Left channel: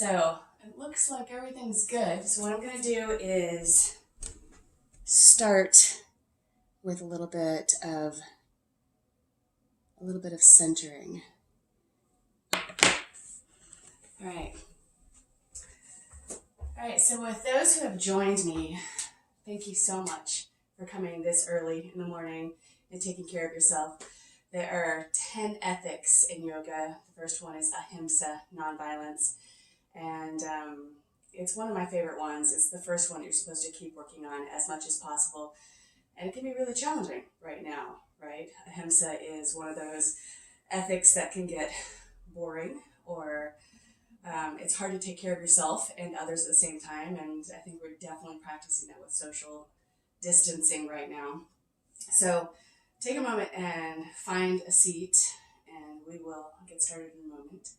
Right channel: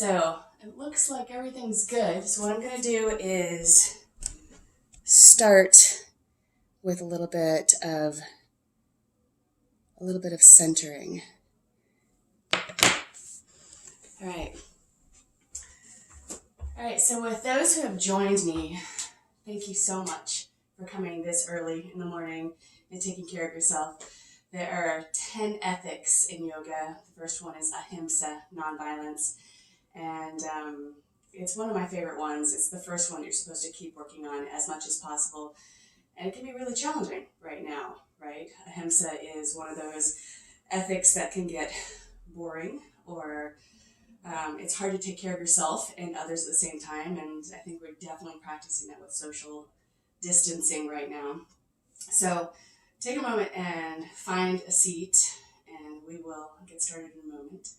So it looks like everything's good. So what I'm going to do is start with a little bit of centering. All right. All right, so with those who have joined me, thank you so much for coming this early in the morning and taking care of yourself. There are 10 ethics in yoga. The first one is ahimsa, nonviolence. And it's one of my favorite ones. It's the first one you're supposed to keep working on as much as possible. And it can be really challenging right now, right? Ahimsa is one of those ethics that can get boring, or it's hard to take care of yourself and others at the same time. And I think we're definitely practicing that with social distancing right now. So take a moment and find a seat, and we will get started in a moment.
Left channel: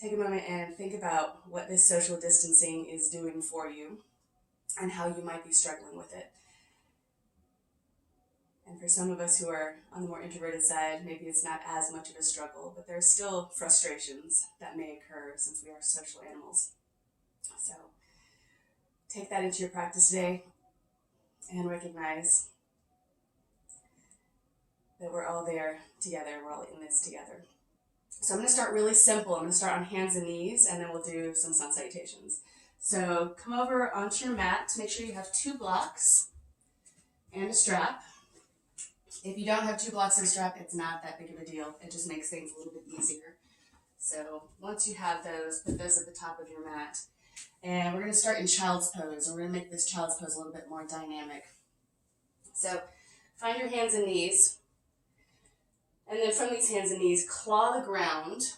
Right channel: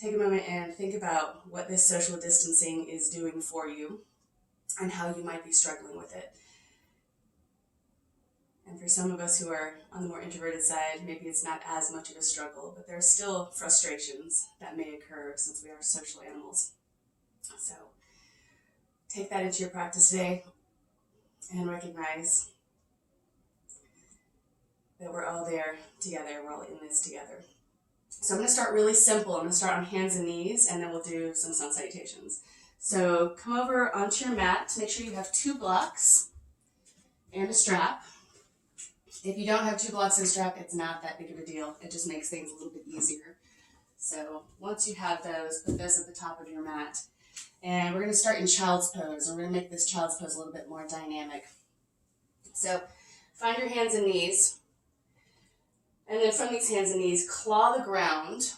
Take a moment and think about what this social distancing is doing for you and how you might be struggling with it. And for some of us who are on the more introverted side, maybe it's not as much of a struggle, but there are still frustrations that may occur since we are social animals. So take that into your practice today and recognize that we're all there together. We're all in this together. So I'm going to start really simple. I'm going to start on hands and knees, and then we'll do some sun salutations. So come over onto your mat. Make sure you have 2 blocks and a strap. If you don't have 2 blocks and a strap, it's not that big of a deal. It just makes things a little bit easier. So once you have those, put those at the top of your mat. And we're going to start in child's pose. And we're going to make this child's pose a little bit more dynamic. So find your hands and knees. And then from these hands and knees, claw the ground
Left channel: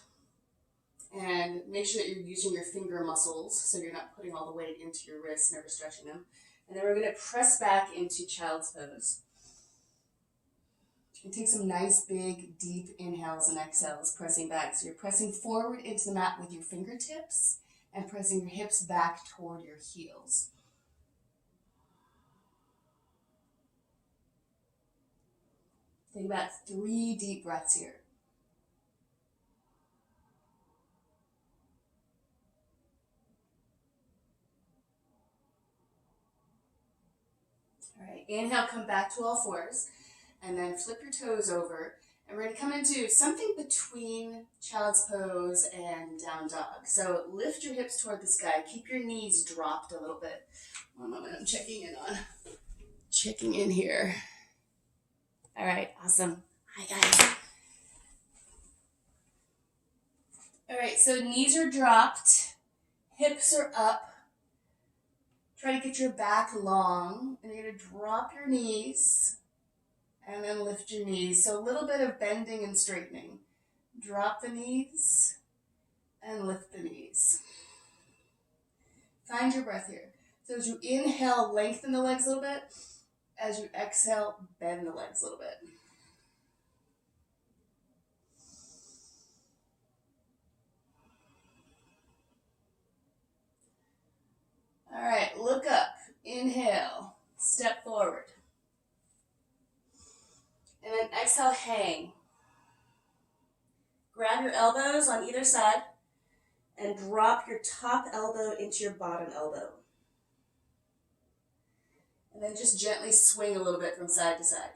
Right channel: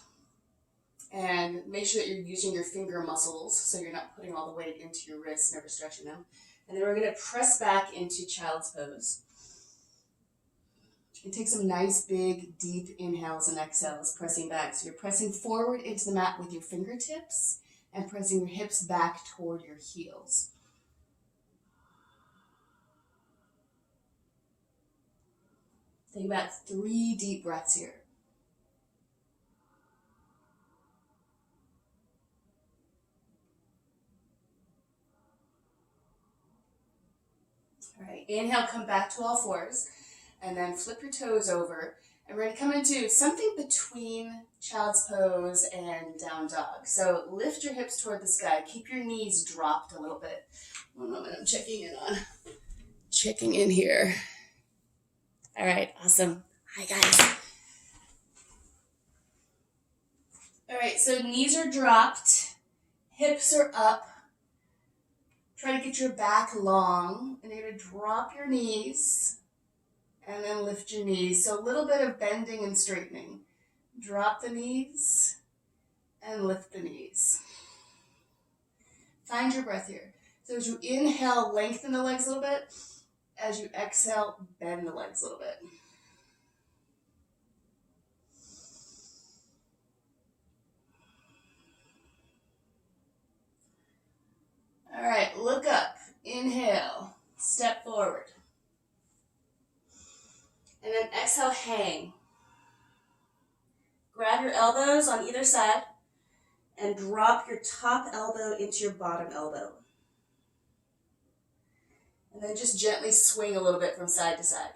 and make sure that you're using your finger muscles so you're not putting all the weight into your wrists, never stretching them. And then we're going to press back into child's pose. And take some nice, big, deep inhales and exhales, pressing back. So you're pressing forward into the mat with your fingertips and pressing your hips back toward your heels. Take about 3 deep breaths here. All right, inhale, come back to all fours, and then flip your toes over. And we're going to come into something between child's pose and down dog. So lift your hips toward the sky. Keep your knees dropped a little bit. One moment, I'm checking in here. All right, awesome. Hi, guys. All right, so knees are dropped, hips are up. Try to get your back long, and you're going to drop your knees and then lift your knees. So a little bit of bending and straightening. Drop the knees and lift the knees. Find your breath here. So as you inhale, lengthen the legs a little bit. As you exhale, bend the legs a little bit. All right, look up. Inhale, step forward. And then exhale, hang. Grab your elbows on either side and drop your top elbow into your bottom elbow. And then just gently swing a little bit from side to side.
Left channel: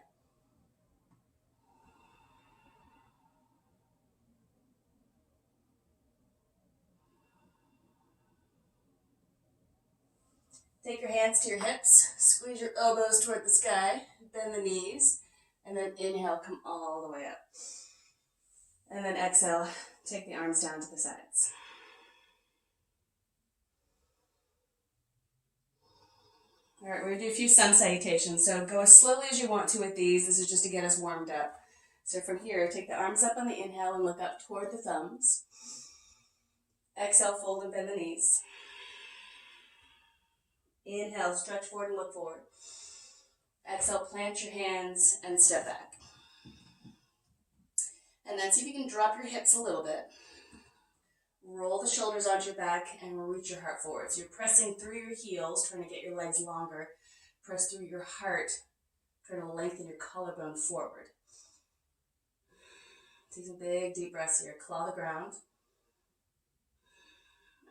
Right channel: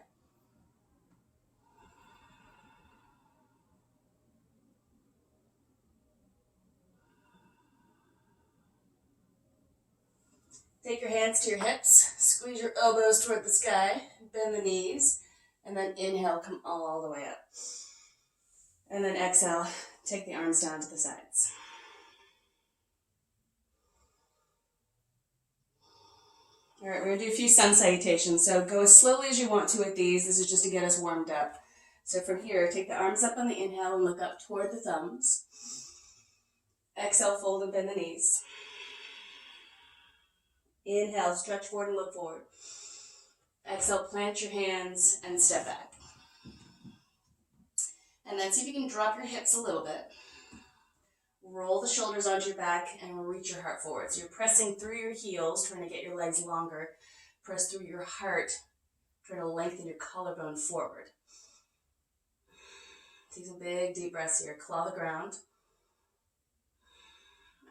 Take your hands to your hips, squeeze your elbows toward the sky, bend the knees, and then inhale, come all the way up. And then exhale, take the arms down to the sides. All right, we're going to do a few sun salutations. So go as slowly as you want to with these. This is just to get us warmed up. So from here, take the arms up on the inhale and look up toward the thumbs. Exhale, fold and bend the knees. Inhale, stretch forward and look forward. Exhale, plant your hands and step back. And then see if you can drop your hips a little bit. Roll the shoulders onto your back and reach your heart forward. So you're pressing through your heels, trying to get your legs longer. Press through your heart, trying to lengthen your collarbone forward. Take some big, deep breaths here. Claw the ground.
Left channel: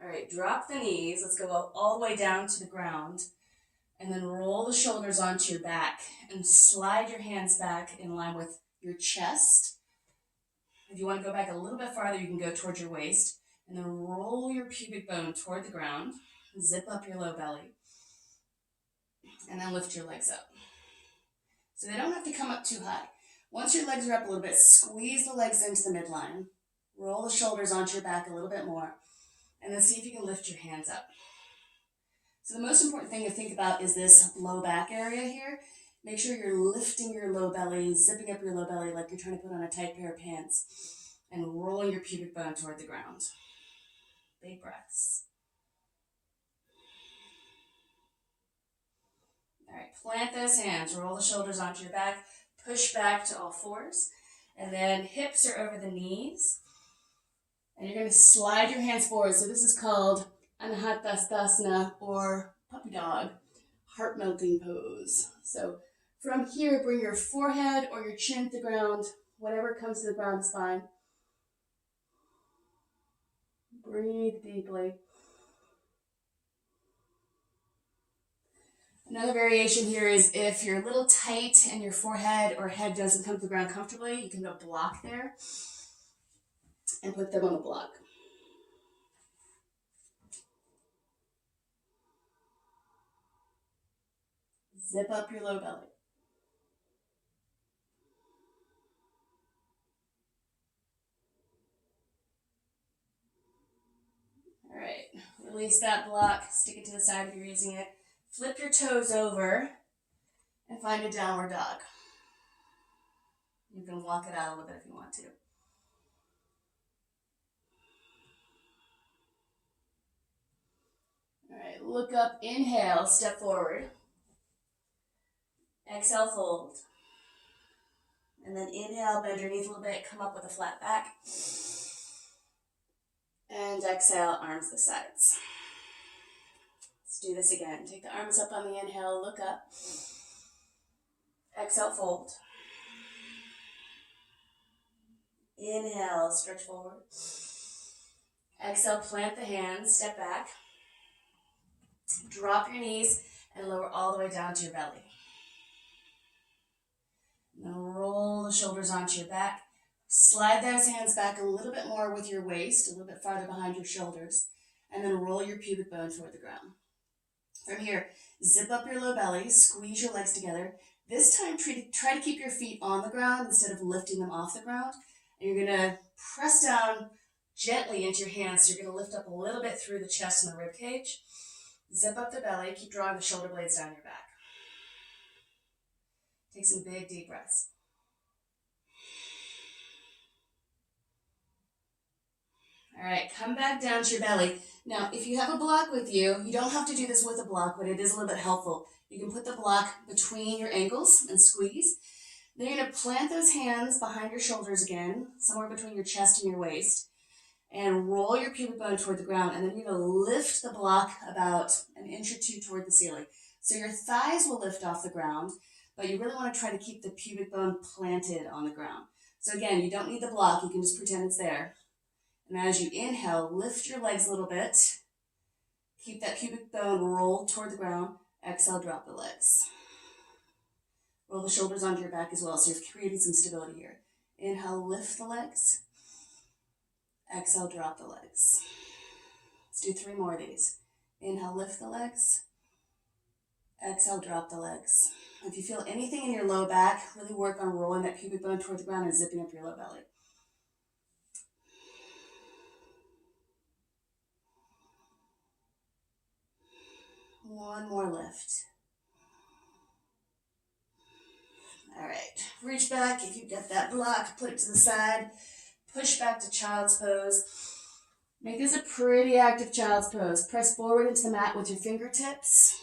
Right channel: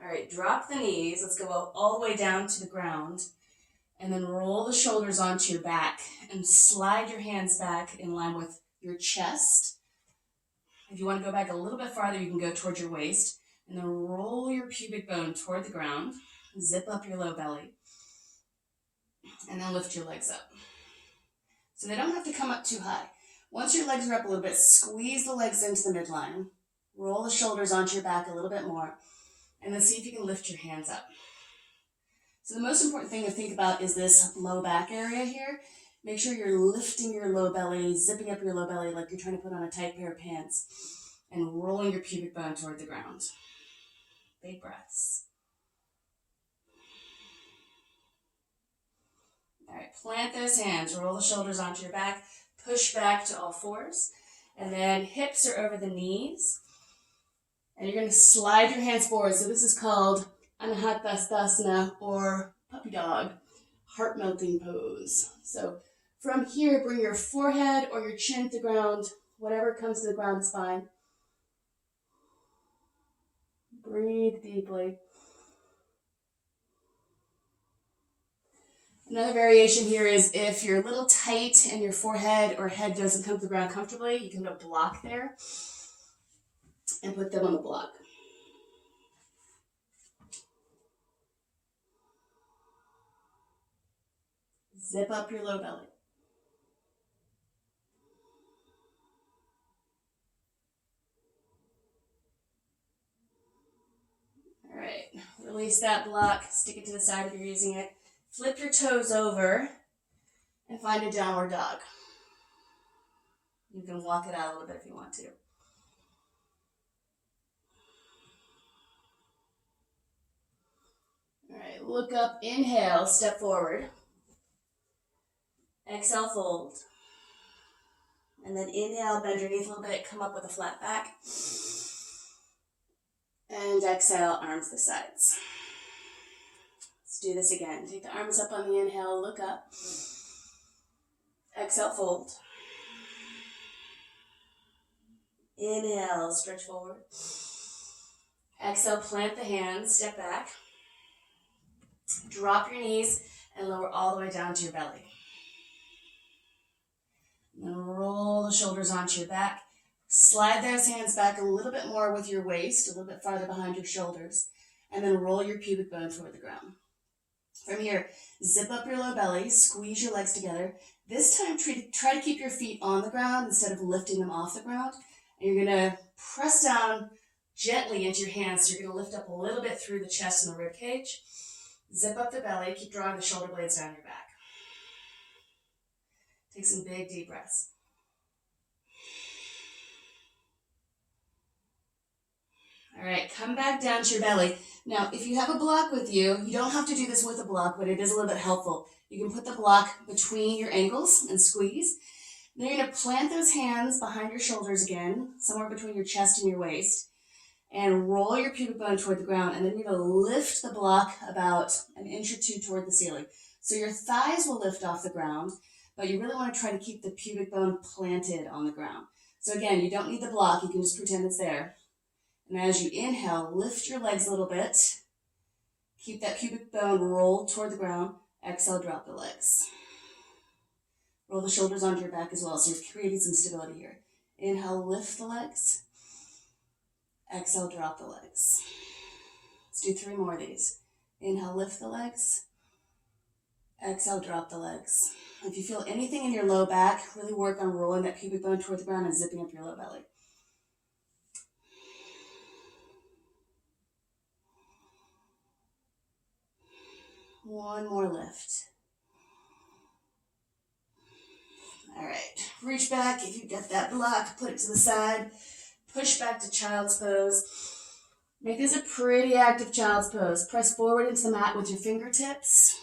All right, drop the knees. Let's go all the way down to the ground. And then roll the shoulders onto your back and slide your hands back in line with your chest. If you want to go back a little bit farther, you can go towards your waist. And then roll your pubic bone toward the ground. Zip up your low belly. And then lift your legs up. So they don't have to come up too high. Once your legs are up a little bit, squeeze the legs into the midline. Roll the shoulders onto your back a little bit more. And then see if you can lift your hands up. So the most important thing to think about is this low back area here. Make sure you're lifting your low belly, zipping up your low belly like you're trying to put on a tight pair of pants, and rolling your pubic bone toward the ground. Big breaths. All right, plant those hands, roll the shoulders onto your back, push back to all fours, and then hips are over the knees. And you're going to slide your hands forward. So this is called Anahatastasana or puppy dog, heart melting pose. So from here, bring your forehead or your chin to the ground. Whatever comes to the ground is fine. Breathe deeply. Another variation here is if you're a little tight and your forehead or head doesn't come to the ground comfortably, you can put a block there and put them on the block. Zip up your low belly. All right, release that block, stick it to the side if you're using it. Flip your toes over and find a downward dog. You can walk it out a little bit if you want to. All right, look up, inhale, step forward. Exhale, fold. And then inhale, bend your knees a little bit, come up with a flat back. And exhale, arms to the sides. Let's do this again. Take the arms up on the inhale, look up. Exhale, fold. Inhale, stretch forward. Exhale, plant the hands, step back. Drop your knees and lower all the way down to your belly. Now roll the shoulders onto your back. Slide those hands back a little bit more with your waist, a little bit farther behind your shoulders, and then roll your pubic bone toward the ground. From here, zip up your low belly, squeeze your legs together. This time, try to keep your feet on the ground instead of lifting them off the ground. And you're going to press down gently into your hands. So you're going to lift up a little bit through the chest and the rib cage. Zip up the belly, keep drawing the shoulder blades down your back. Take some big, deep breaths. All right, come back down to your belly. Now, if you have a block with you, you don't have to do this with a block, but it is a little bit helpful. You can put the block between your ankles and squeeze. Then you're going to plant those hands behind your shoulders again, somewhere between your chest and your waist, and roll your pubic bone toward the ground. And then you're going to lift the block about an inch or two toward the ceiling. So your thighs will lift off the ground, but you really want to try to keep the pubic bone planted on the ground. So again, you don't need the block. You can just pretend it's there. And as you inhale, lift your legs a little bit. Keep that pubic bone rolled toward the ground. Exhale, drop the legs. Roll the shoulders onto your back as well, so you're creating some stability here. Inhale, lift the legs. Exhale, drop the legs. Let's do 3 more of these. Inhale, lift the legs. Exhale, drop the legs. If you feel anything in your low back, really work on rolling that pubic bone toward the ground and zipping up your low belly. One more lift. All right, reach back. If you get that block, put it to the side. Push back to child's pose. Make this a pretty active child's pose. Press forward into the mat with your fingertips.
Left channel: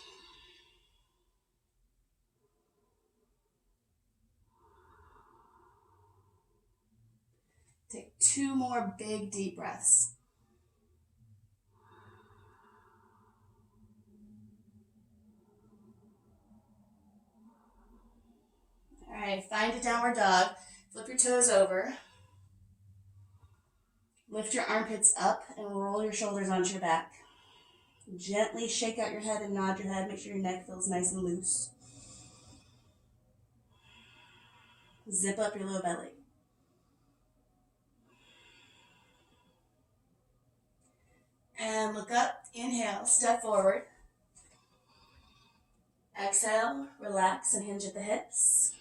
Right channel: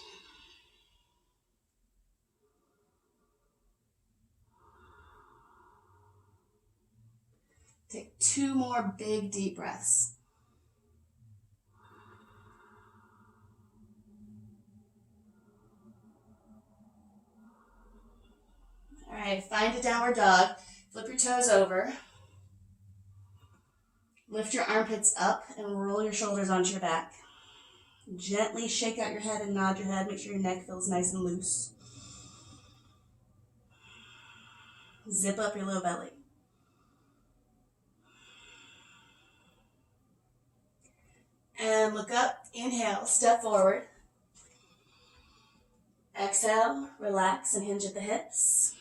Take 2 more big, deep breaths. All right, find a downward dog. Flip your toes over. Lift your armpits up and roll your shoulders onto your back. Gently shake out your head and nod your head. Make sure your neck feels nice and loose. Zip up your low belly. And look up. Inhale, step forward. Exhale, relax and hinge at the hips.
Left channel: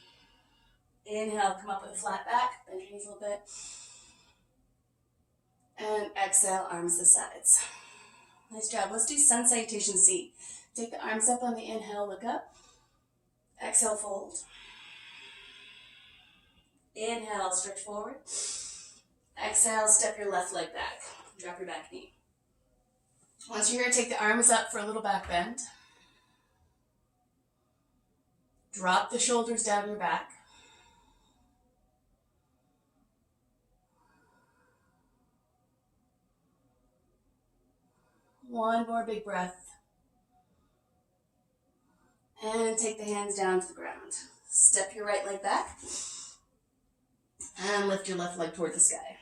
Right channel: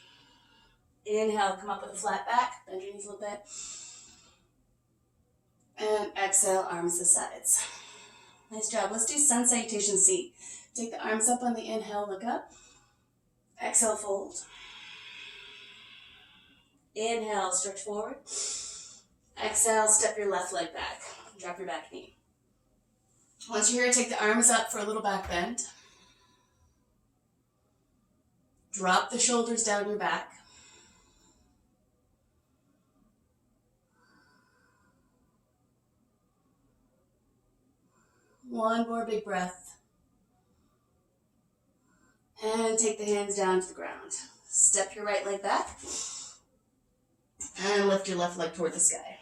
Inhale, come up with a flat back. Bend your knees a little bit. And exhale, arms to sides. Nice job. Let's do sun salutation C. Take the arms up on the inhale, look up. Exhale, fold. Inhale, stretch forward. Exhale, step your left leg back. Drop your back knee. Once you're here, take the arms up for a little back bend. Drop the shoulders down your back. One more big breath. And take the hands down to the ground. Step your right leg back. And lift your left leg toward the sky.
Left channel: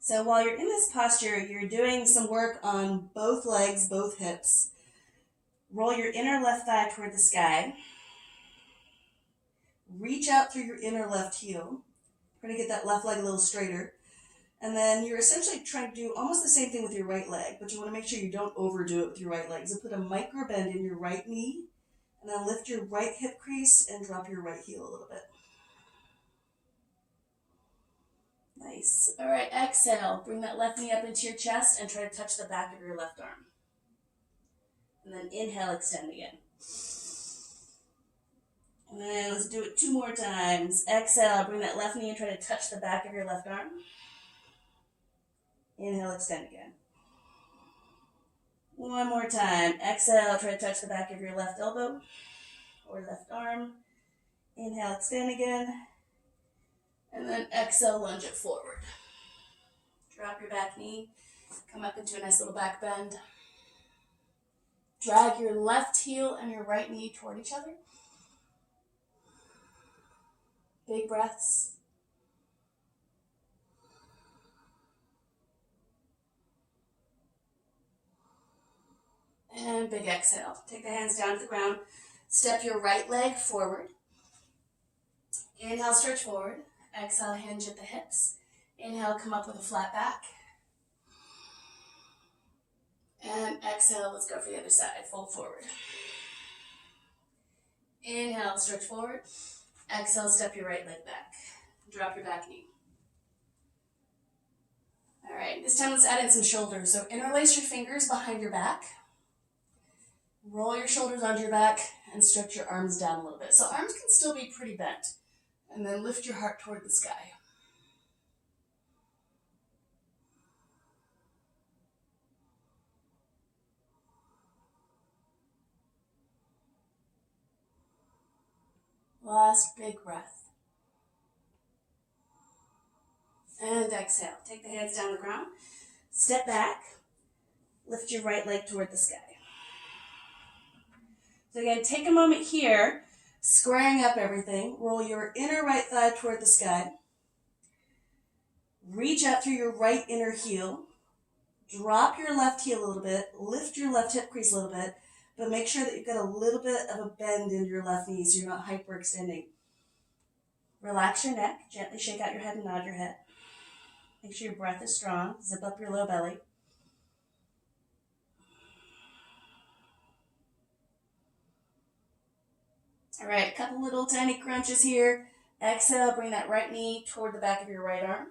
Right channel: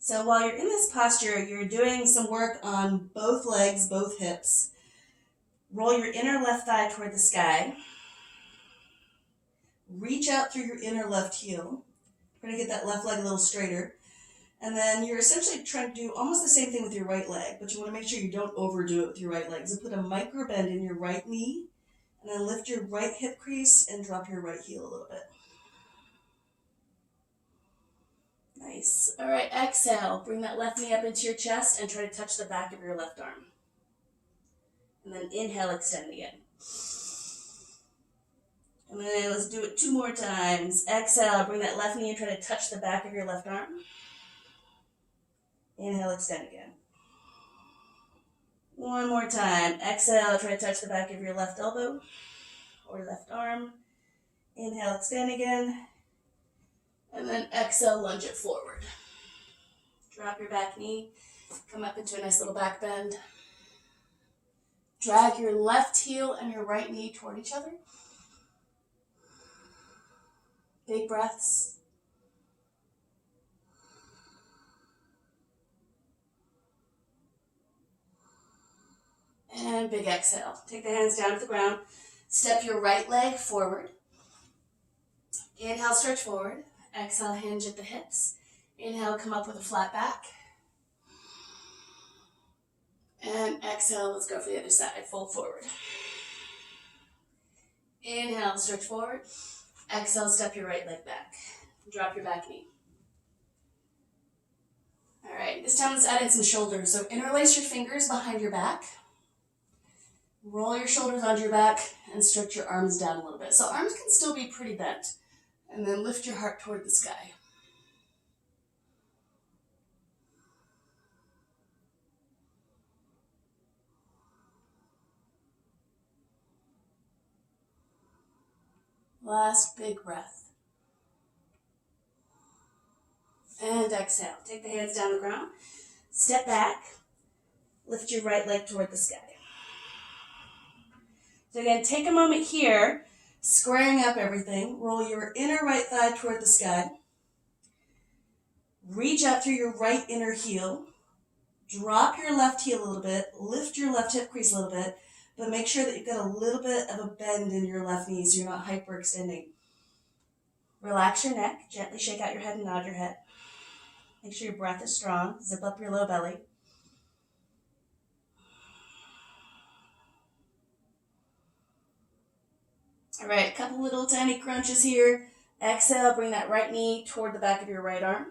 So while you're in this posture, you're doing some work on both legs, both hips. Roll your inner left thigh toward the sky. Reach out through your inner left heel. Try to get that left leg a little straighter. And then you're essentially trying to do almost the same thing with your right leg, but you want to make sure you don't overdo it with your right leg. So put a micro bend in your right knee, and then lift your right hip crease and drop your right heel a little bit. Nice. All right, exhale. Bring that left knee up into your chest and try to touch the back of your left arm. And then inhale, extend again. And then let's do it 2 more times. Exhale, bring that left knee and try to touch the back of your left arm. Inhale, extend again. 1 more time. Exhale, try to touch the back of your left elbow or left arm. Inhale, extend again. And then exhale, lunge it forward. Drop your back knee. Come up into a nice little back bend. Drag your left heel and your right knee toward each other. Big breaths. And big exhale. Take the hands down to the ground. Step your right leg forward. Inhale, stretch forward. Exhale, hinge at the hips. Inhale, come up with a flat back. And exhale, let's go for the other side. Fold forward. Inhale, stretch forward. Exhale, step your right leg back. Drop your back knee. All right, this time let's add in some shoulders. So interlace your fingers behind your back. Roll your shoulders onto your back and stretch your arms down a little bit. So arms can still be pretty bent. And then lift your heart toward the sky. Last big breath. And exhale. Take the hands down the ground. Step back. Lift your right leg toward the sky. So again, take a moment here, squaring up everything. Roll your inner right thigh toward the sky. Reach out through your right inner heel. Drop your left heel a little bit. Lift your left hip crease a little bit. But make sure that you've got a little bit of a bend in your left knee so you're not hyperextending. Relax your neck. Gently shake out your head and nod your head. Make sure your breath is strong. Zip up your low belly. All right, a couple little tiny crunches here. Exhale, bring that right knee toward the back of your right arm.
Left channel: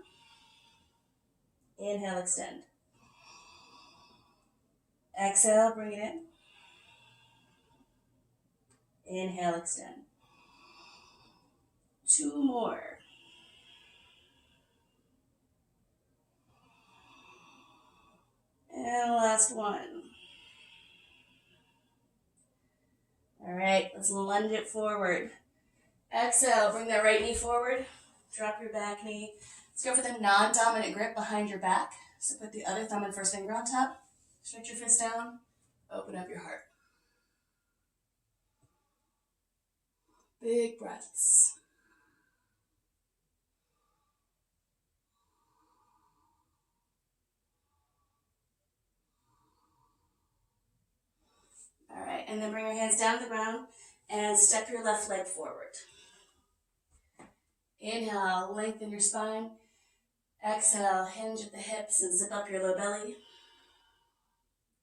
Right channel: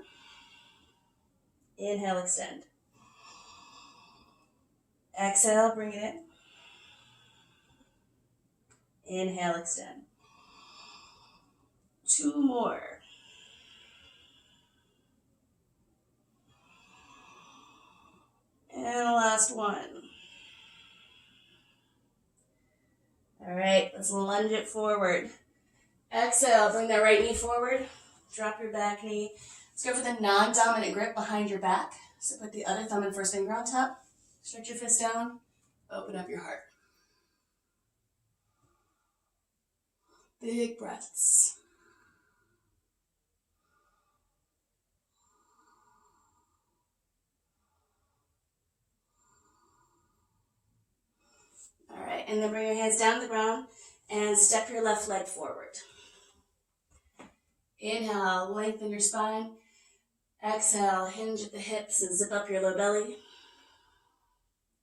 Inhale, extend. Exhale, bring it in. Inhale, extend. 2 more. And last one. All right, let's lunge it forward. Exhale, bring that right knee forward. Drop your back knee. Let's go for the non-dominant grip behind your back. So put the other thumb and first finger on top. Stretch your fist down. Open up your heart. Big breaths. All right, and then bring your hands down to the ground and step your left leg forward. Inhale, lengthen your spine. Exhale, hinge at the hips and zip up your low belly.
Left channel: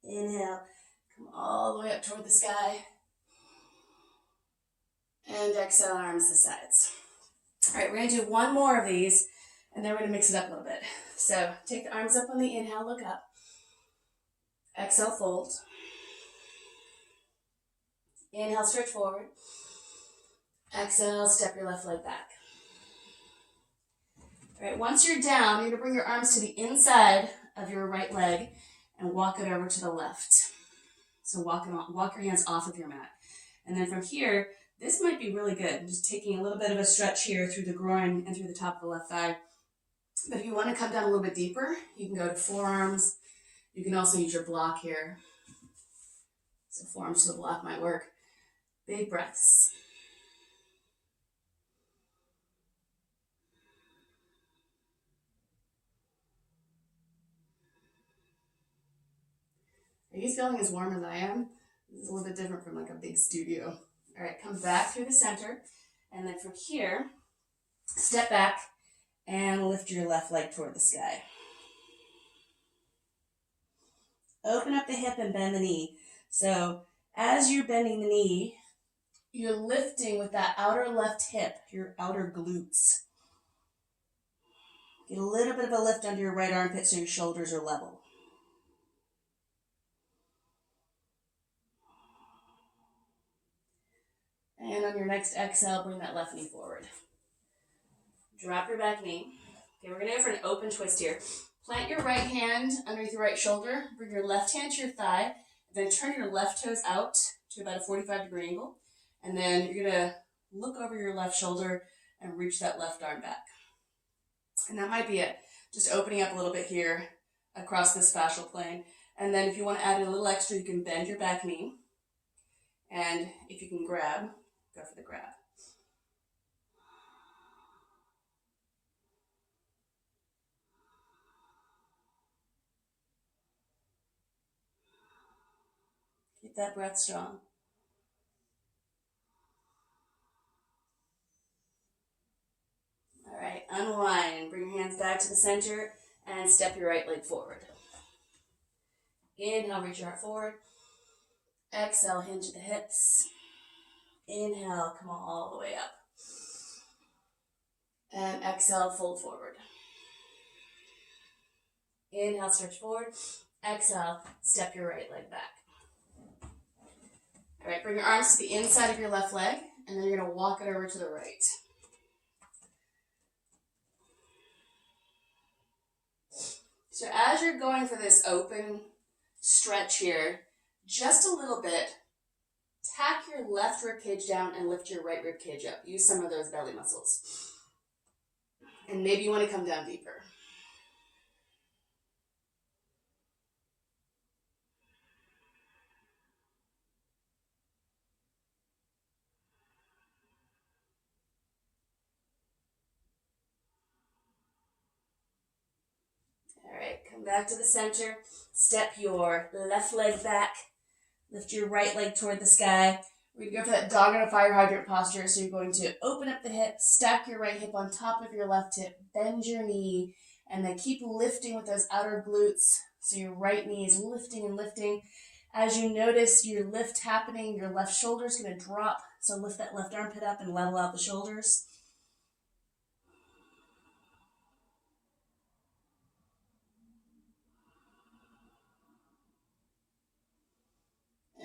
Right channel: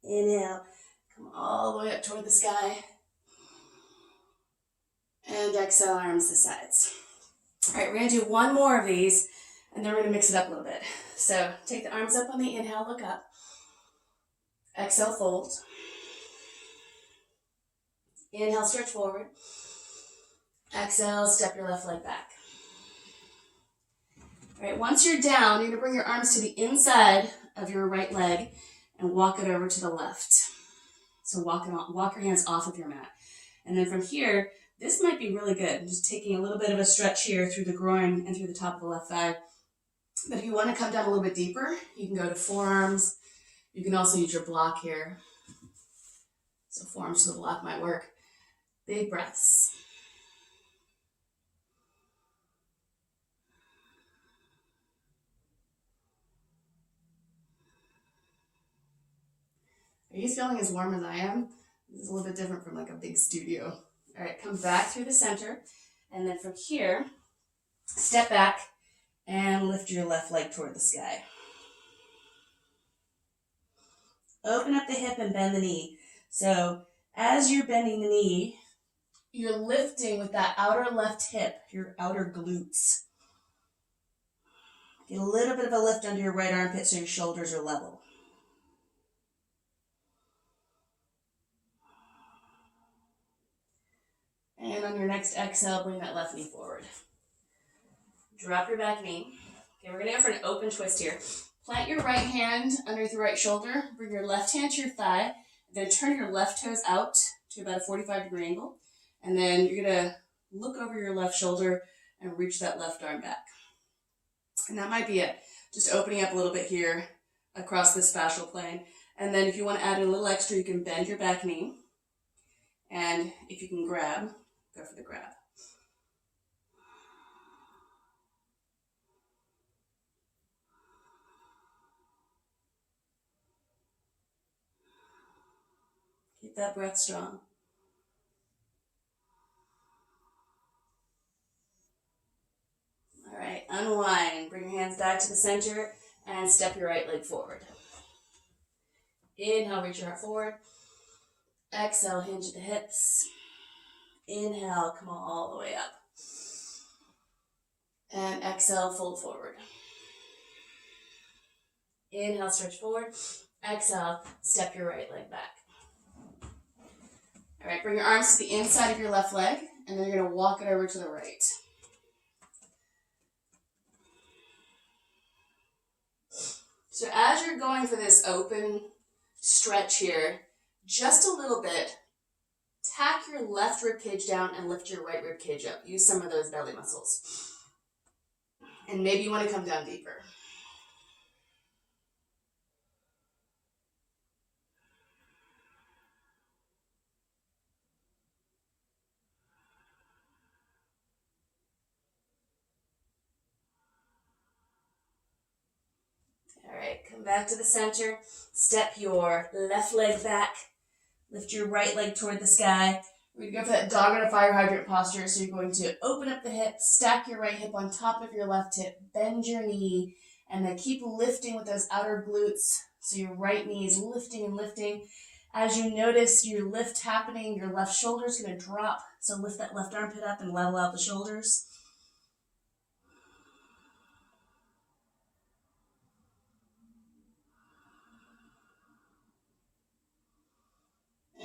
Inhale, come all the way up toward the sky. And exhale, arms to sides. All right, we're gonna do one more of these, and then we're gonna mix it up a little bit. So take the arms up on the inhale, look up. Exhale, fold. Inhale, stretch forward. Exhale, step your left leg back. All right, once you're down, you're gonna bring your arms to the inside of your right leg and walk it over to the left. So walk your hands off of your mat. And then from here, this might be really good. Just taking a little bit of a stretch here through the groin and through the top of the left thigh. But if you want to come down a little bit deeper, you can go to forearms. You can also use your block here. So forearms to the block might work. Big breaths. Are you feeling as warm as I am? This is a little bit different from like a big studio. All right, come back through the center. And then from here, step back and lift your left leg toward the sky. Open up the hip and bend the knee. So as you're bending the knee, you're lifting with that outer left hip, your outer glutes. Get a little bit of a lift under your right armpit so your shoulders are level. And on your next exhale, bring that left knee forward. Drop your back knee. Okay, we're gonna go for an open twist here. Plant your right hand underneath your right shoulder, bring your left hand to your thigh, then turn your left toes out to about a 45-degree angle. And then you're gonna look over your left shoulder and reach that left arm back. And that might be it. Just opening up a little bit here across this fascial plane. And then if you want to add a little extra, you can bend your back knee. And if you can grab, go for the grab. Keep that breath strong. All right, unwind. Bring your hands back to the center and step your right leg forward. Inhale, reach your heart forward. Exhale, hinge at the hips. Inhale, come all the way up. And exhale, fold forward. Inhale, stretch forward. Exhale, step your right leg back. All right, bring your arms to the inside of your left leg, and then you're gonna walk it over to the right. So as you're going for this open stretch here, just a little bit, tack your left rib cage down and lift your right rib cage up. Use some of those belly muscles. And maybe you want to come down deeper. All right, come back to the center. Step your left leg back. Lift your right leg toward the sky. We're going to go for that dog on a fire hydrant posture. So you're going to open up the hip, stack your right hip on top of your left hip, bend your knee, and then keep lifting with those outer glutes. So your right knee is lifting and lifting. As you notice your lift happening, your left shoulder is going to drop. So lift that left armpit up and level out the shoulders.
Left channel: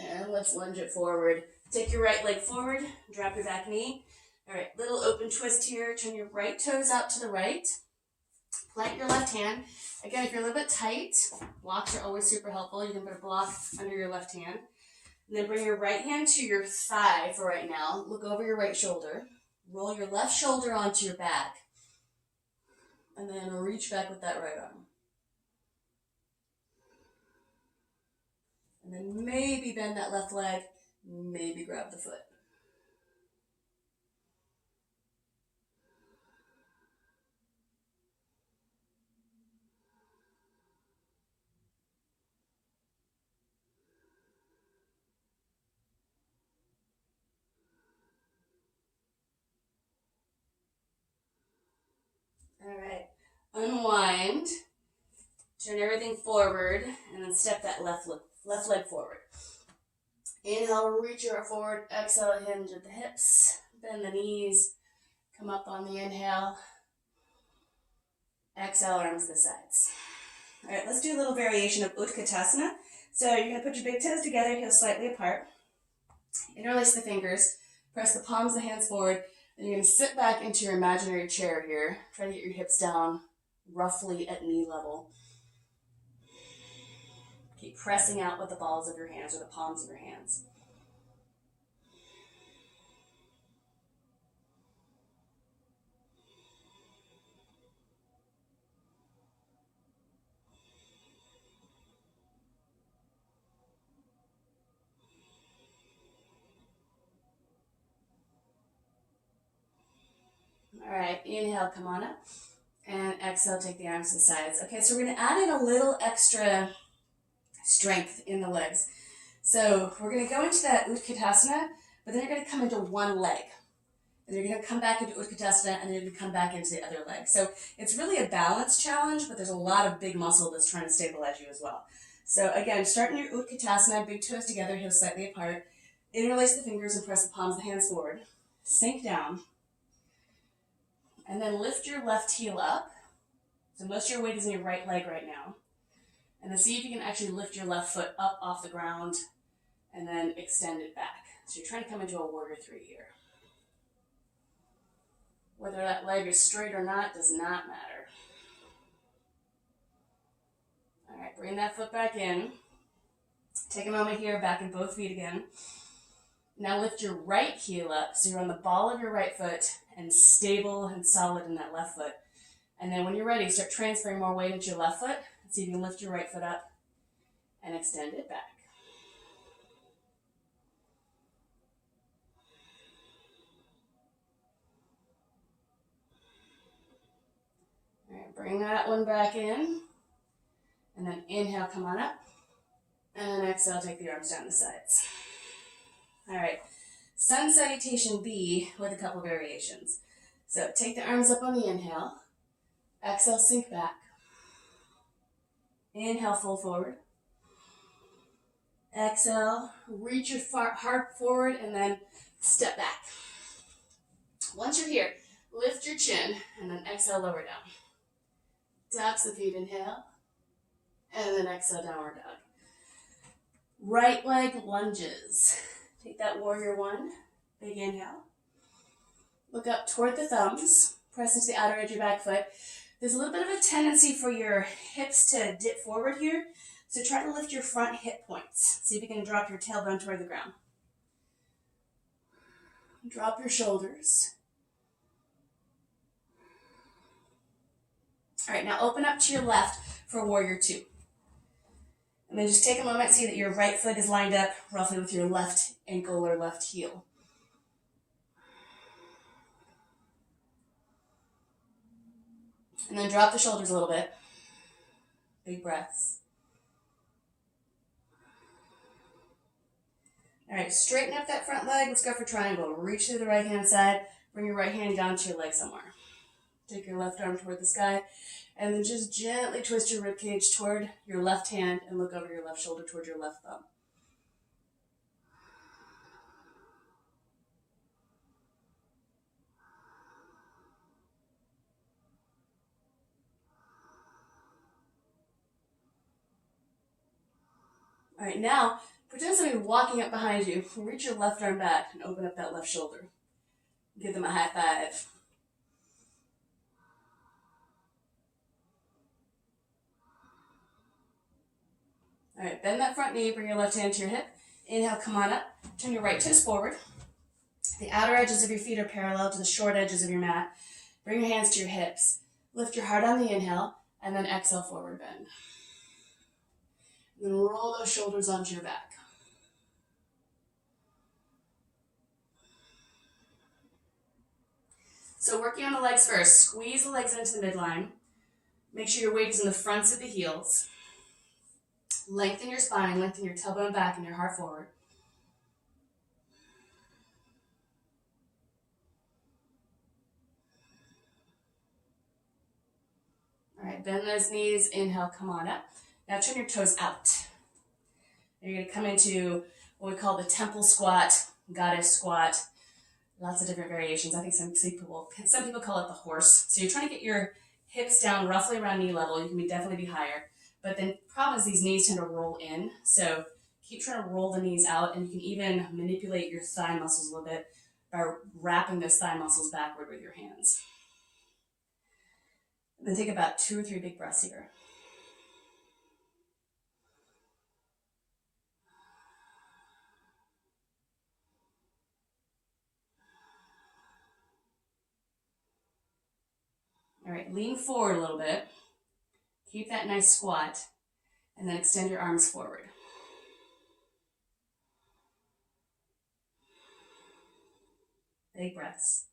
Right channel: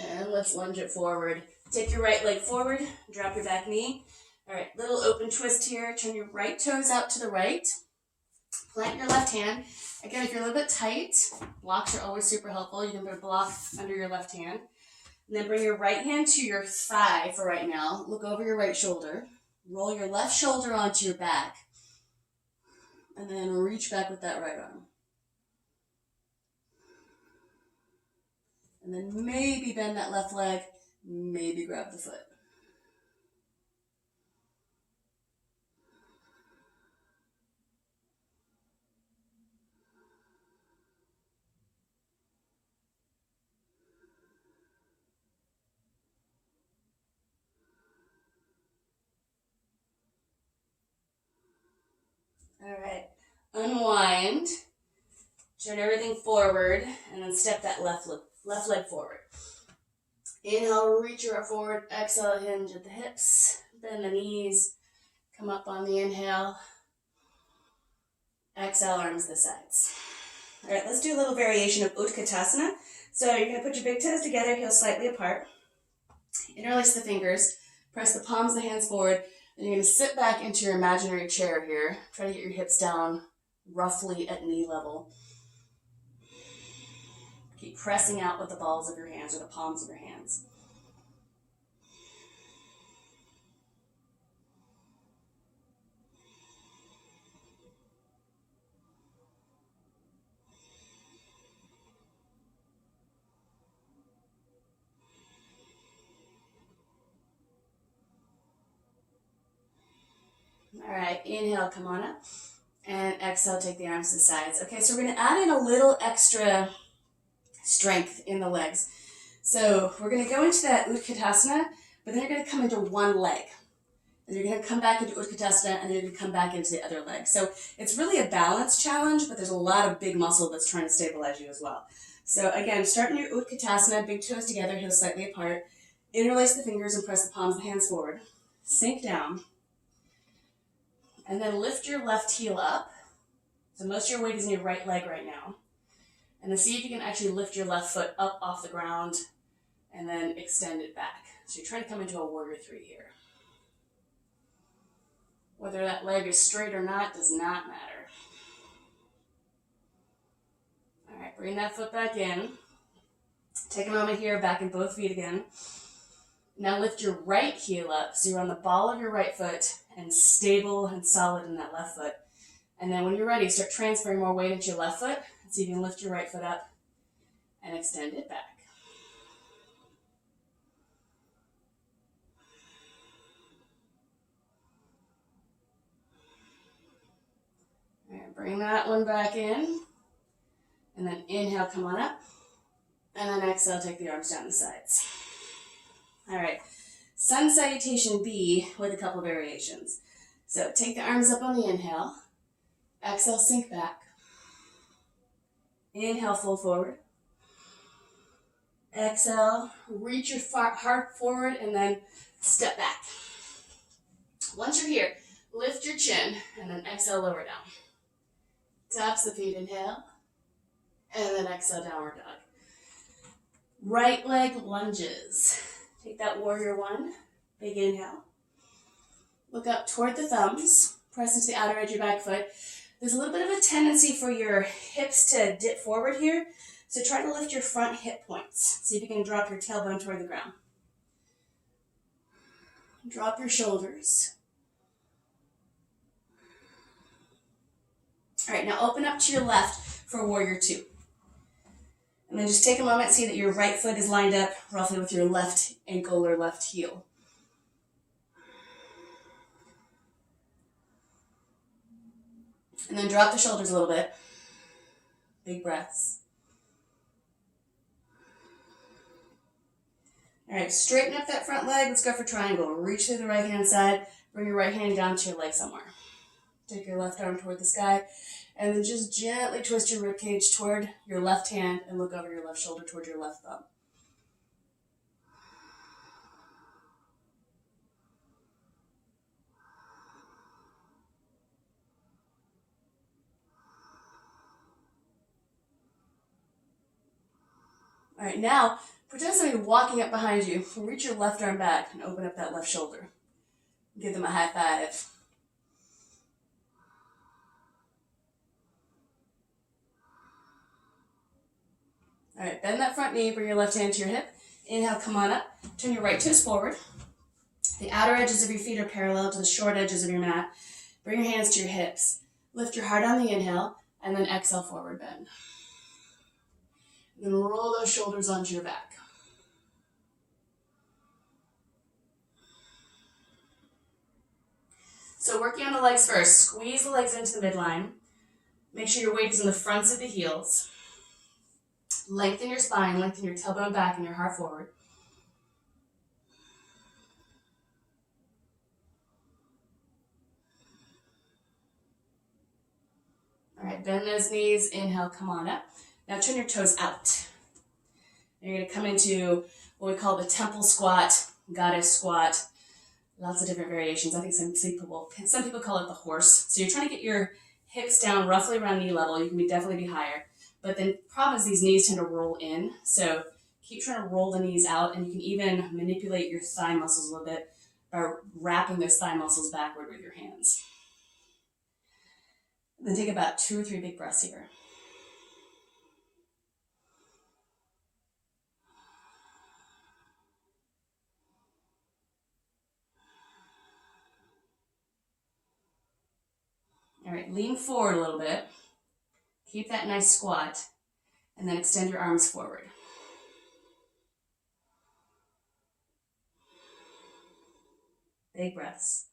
And let's lunge it forward. Take your right leg forward, drop your back knee. All right, little open twist here. Turn your right toes out to the right. Plant your left hand. Again, if you're a little bit tight, blocks are always super helpful. You can put a block under your left hand. And then bring your right hand to your thigh for right now. Look over your right shoulder. Roll your left shoulder onto your back. And then reach back with that right arm. And then maybe bend that left leg, maybe grab the foot. behind, turn everything forward, and then step that left leg forward. Inhale, reach your arm forward. Exhale, hinge at the hips. Bend the knees. Come up on the inhale. Exhale, arms to the sides. All right, let's do a little variation of Utkatasana. So you're going to put your big toes together, heels slightly apart. Interlace the fingers. Press the palms of the hands forward. Then you're going to sit back into your imaginary chair here. Try to get your hips down roughly at knee level. Keep pressing out with the balls of your hands or the palms of your hands. All right, inhale, come on up. And exhale, take the arms to the sides. Okay, so we're going to add in a little extra strength in the legs. So we're going to go into that Utkatasana, but then you're going to come into one leg. And you're going to come back into Utkatasana, and then you're going to come back into the other leg. So it's really a balance challenge, but there's a lot of big muscle that's trying to stabilize you as well. So again, start in your Utkatasana, big toes together, heels slightly apart. Interlace the fingers and press the palms of the hands forward. Sink down. And then lift your left heel up. So most of your weight is in your right leg right now. And then see if you can actually lift your left foot up off the ground and then extend it back. So you're trying to come into a warrior three here. Whether that leg is straight or not does not matter. All right, bring that foot back in. Take a moment here, back in both feet again. Now lift your right heel up so you're on the ball of your right foot and stable and solid in that left foot. And then when you're ready, start transferring more weight into your left foot. See if you can lift your right foot up and extend it back. All right, bring that one back in. And then inhale, come on up. And then exhale, take the arms down the sides. All right, sun salutation B with a couple variations. So take the arms up on the inhale. Exhale, sink back. Inhale, fold forward. Exhale, reach your heart forward and then step back. Once you're here, lift your chin and then exhale, lower down. Taps the feet, inhale. And then exhale, downward dog. Right leg lunges. Take that warrior one. Big inhale. Look up toward the thumbs. Press into the outer edge of your back foot. There's a little bit of a tendency for your hips to dip forward here. So try to lift your front hip points. See if you can drop your tailbone toward the ground. Drop your shoulders. All right, now open up to your left for warrior two. And then just take a moment, see that your right foot is lined up roughly with your left ankle or left heel. And then drop the shoulders a little bit. Big breaths. All right, straighten up that front leg. Let's go for triangle. Reach through the right hand side. Bring your right hand down to your leg somewhere. Take your left arm toward the sky. And then just gently twist your ribcage toward your left hand and look over your left shoulder toward your left thumb. All right, now pretend somebody walking up behind you. Reach your left arm back and open up that left shoulder. Give them a high five. All right, bend that front knee, bring your left hand to your hip. Inhale, come on up. Turn your right toes forward. The outer edges of your feet are parallel to the short edges of your mat. Bring your hands to your hips. Lift your heart on the inhale, and then exhale, forward bend. And then roll those shoulders onto your back. So working on the legs first. Squeeze the legs into the midline. Make sure your weight is in the fronts of the heels. Lengthen your spine, lengthen your tailbone back and your heart forward. All right, right, bend those knees, inhale, come on up. Now turn your toes out. You're gonna come into what we call the temple squat, goddess squat, lots of different variations. I think some people call it the horse. So you're trying to get your hips down roughly around knee level. You can definitely be higher. But then the problem is these knees tend to roll in. So keep trying to roll the knees out, and you can even manipulate your thigh muscles a little bit by wrapping those thigh muscles backward with your hands. Then take about 2 or 3 big breaths here. All right, lean forward a little bit. Keep that nice squat, and then extend your arms forward. Big breaths.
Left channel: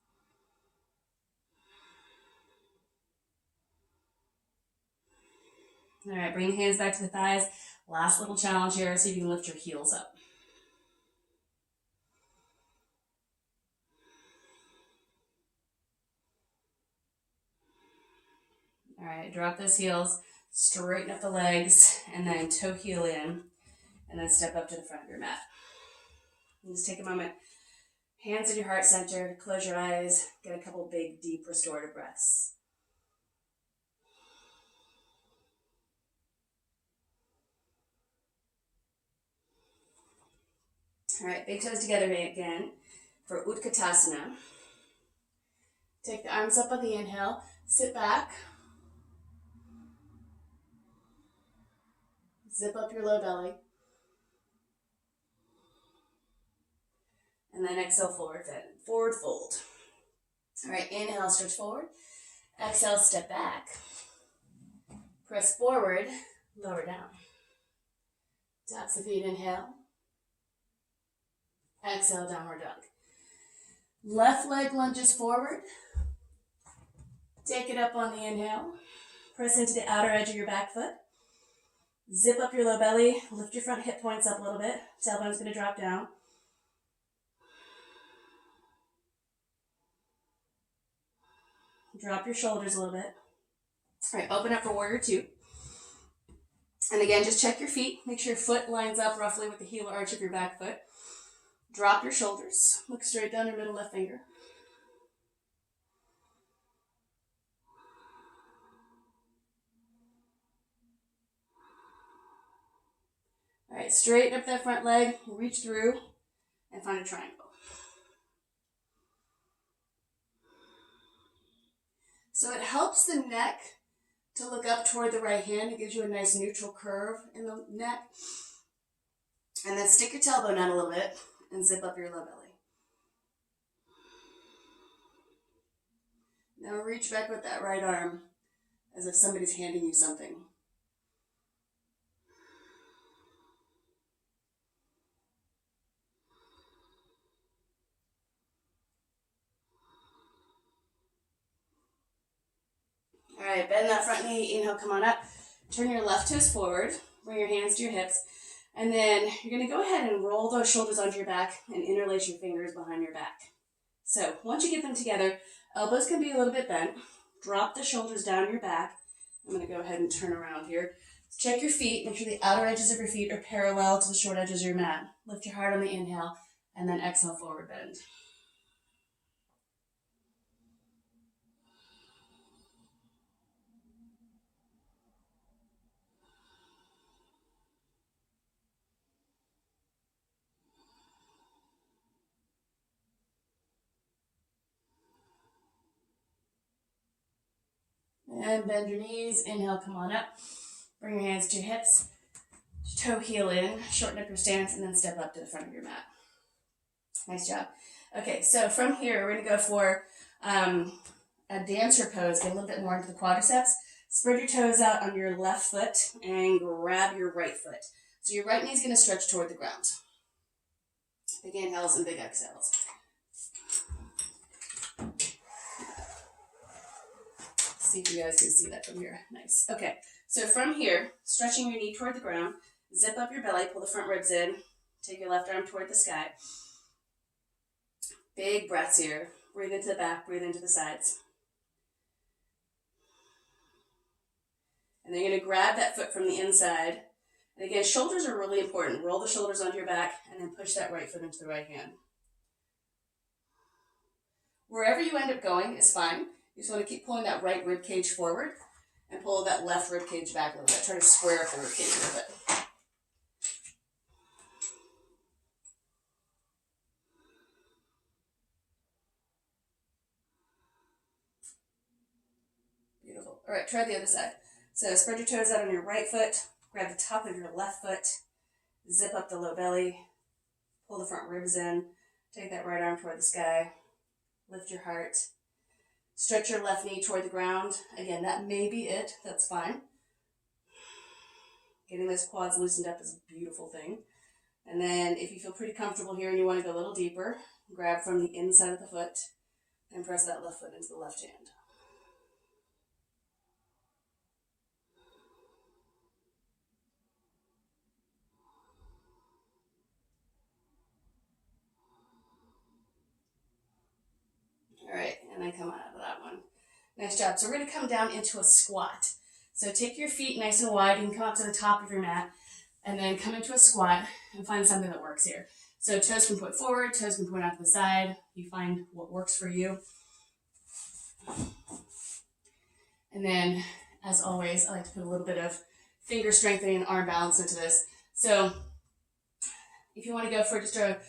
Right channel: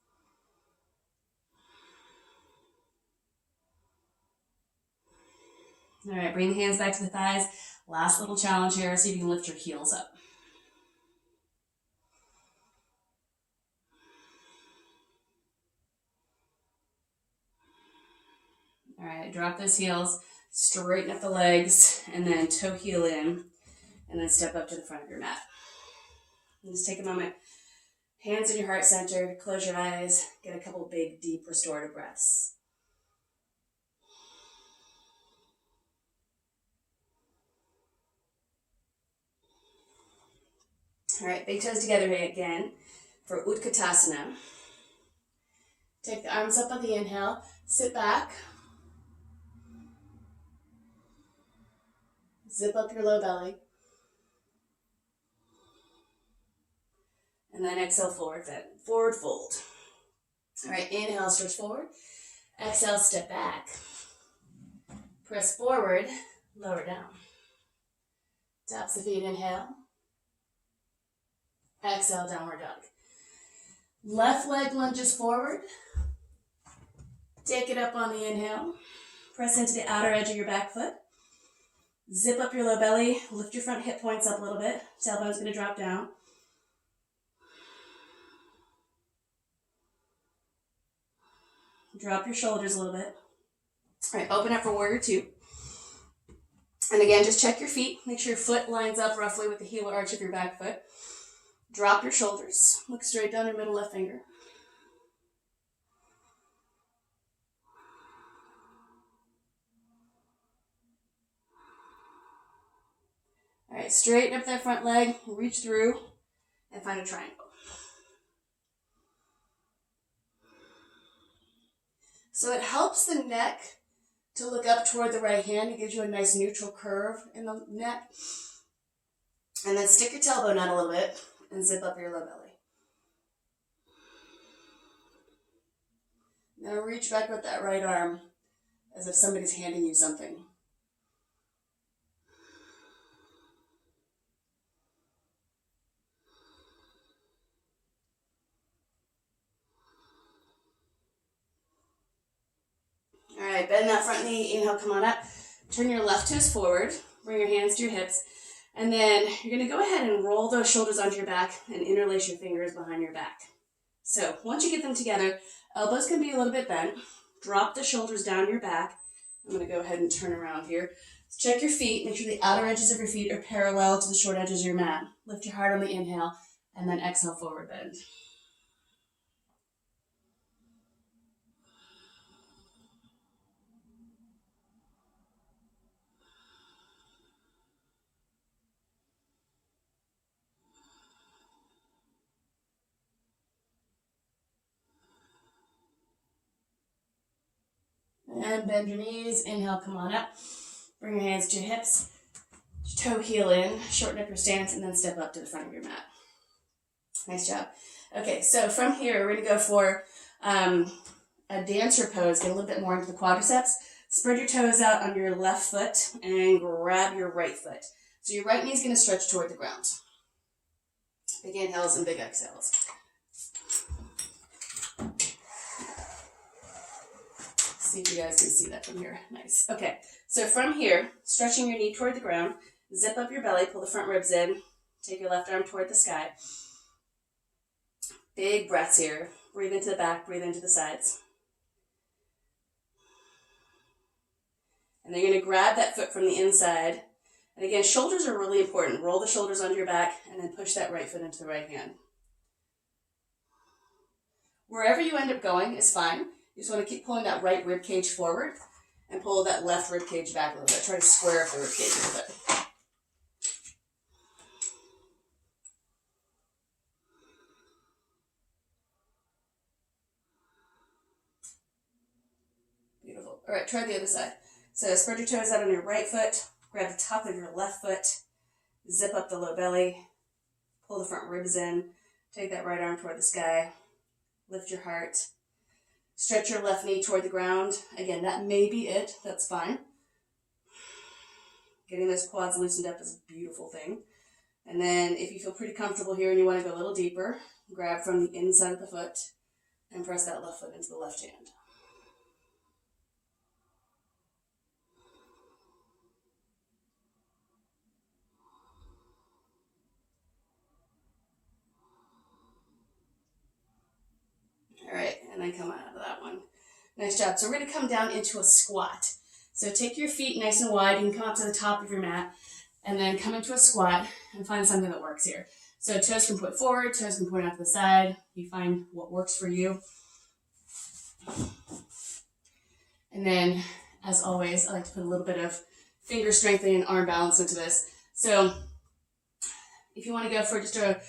All right, bring the hands back to the thighs. Last little challenge here, see if you can lift your heels up. All right, drop those heels, straighten up the legs, and then toe heel in, and then step up to the front of your mat. And just take a moment, hands in your heart center, close your eyes, get a couple big, deep, restorative breaths. All right, big toes together again for Utkatasana. Take the arms up on the inhale, sit back. Zip up your low belly. And then exhale, forward fold. All right, inhale, stretch forward. Exhale, step back. Press forward, lower down. Taps the feet, inhale. Exhale, downward dog. Left leg lunges forward. Take it up on the inhale. Press into the outer edge of your back foot. Zip up your low belly. Lift your front hip points up a little bit. Tailbone's going to drop down. Drop your shoulders a little bit. All right, open up for warrior 2. And again, just check your feet. Make sure your foot lines up roughly with the heel or arch of your back foot. Drop your shoulders. Look straight down your middle left finger. All right, straighten up that front leg, reach through, and find a triangle. So it helps the neck to look up toward the right hand. It gives you a nice neutral curve in the neck. And then stick your tailbone out a little bit and zip up your low belly. Now reach back with that right arm as if somebody's handing you something. All right, bend that front knee, inhale, come on up. Turn your left toes forward, bring your hands to your hips, and then you're gonna go ahead and roll those shoulders onto your back and interlace your fingers behind your back. So once you get them together, elbows can be a little bit bent. Drop the shoulders down your back. I'm gonna go ahead and turn around here. Check your feet, make sure the outer edges of your feet are parallel to the short edges of your mat. Lift your heart on the inhale, and then exhale, forward bend. And bend your knees, inhale, come on up. Bring your hands to your hips, toe heel in, shorten up your stance, and then step up to the front of your mat. Nice job. Okay, so from here, we're gonna go for a dancer pose, get a little bit more into the quadriceps. Spread your toes out on your left foot and grab your right foot. So your right knee is gonna stretch toward the ground. Big inhales and big exhales. See if you guys can see that from here. Nice. Okay, so from here, stretching your knee toward the ground, zip up your belly, pull the front ribs in, take your left arm toward the sky. Big breaths here. Breathe into the back, breathe into the sides. And then you're going to grab that foot from the inside. And again, shoulders are really important. Roll the shoulders onto your back and then push that right foot into the right hand. Wherever you end up going is fine. You just want to keep pulling that right rib cage forward and pull that left rib cage back a little bit. Try to square up the rib cage a little bit. Beautiful. All right, try the other side. So spread your toes out on your right foot, grab the top of your left foot, zip up the low belly, pull the front ribs in, take that right arm toward the sky, lift your heart, stretch your left knee toward the ground. Again, that may be it. That's fine. Getting those quads loosened up is a beautiful thing. And then if you feel pretty comfortable here and you want to go a little deeper, grab from the inside of the foot and press that left foot into the left hand. All right, and then come out of that one. Nice job. So we're going to come down into a squat. So take your feet nice and wide. You can come up to the top of your mat and then come into a squat and find something that works here. So toes can point forward, toes can point out to the side. You find what works for you. And then, as always, I like to put a little bit of finger strengthening and arm balance into this. So if you want to go for just a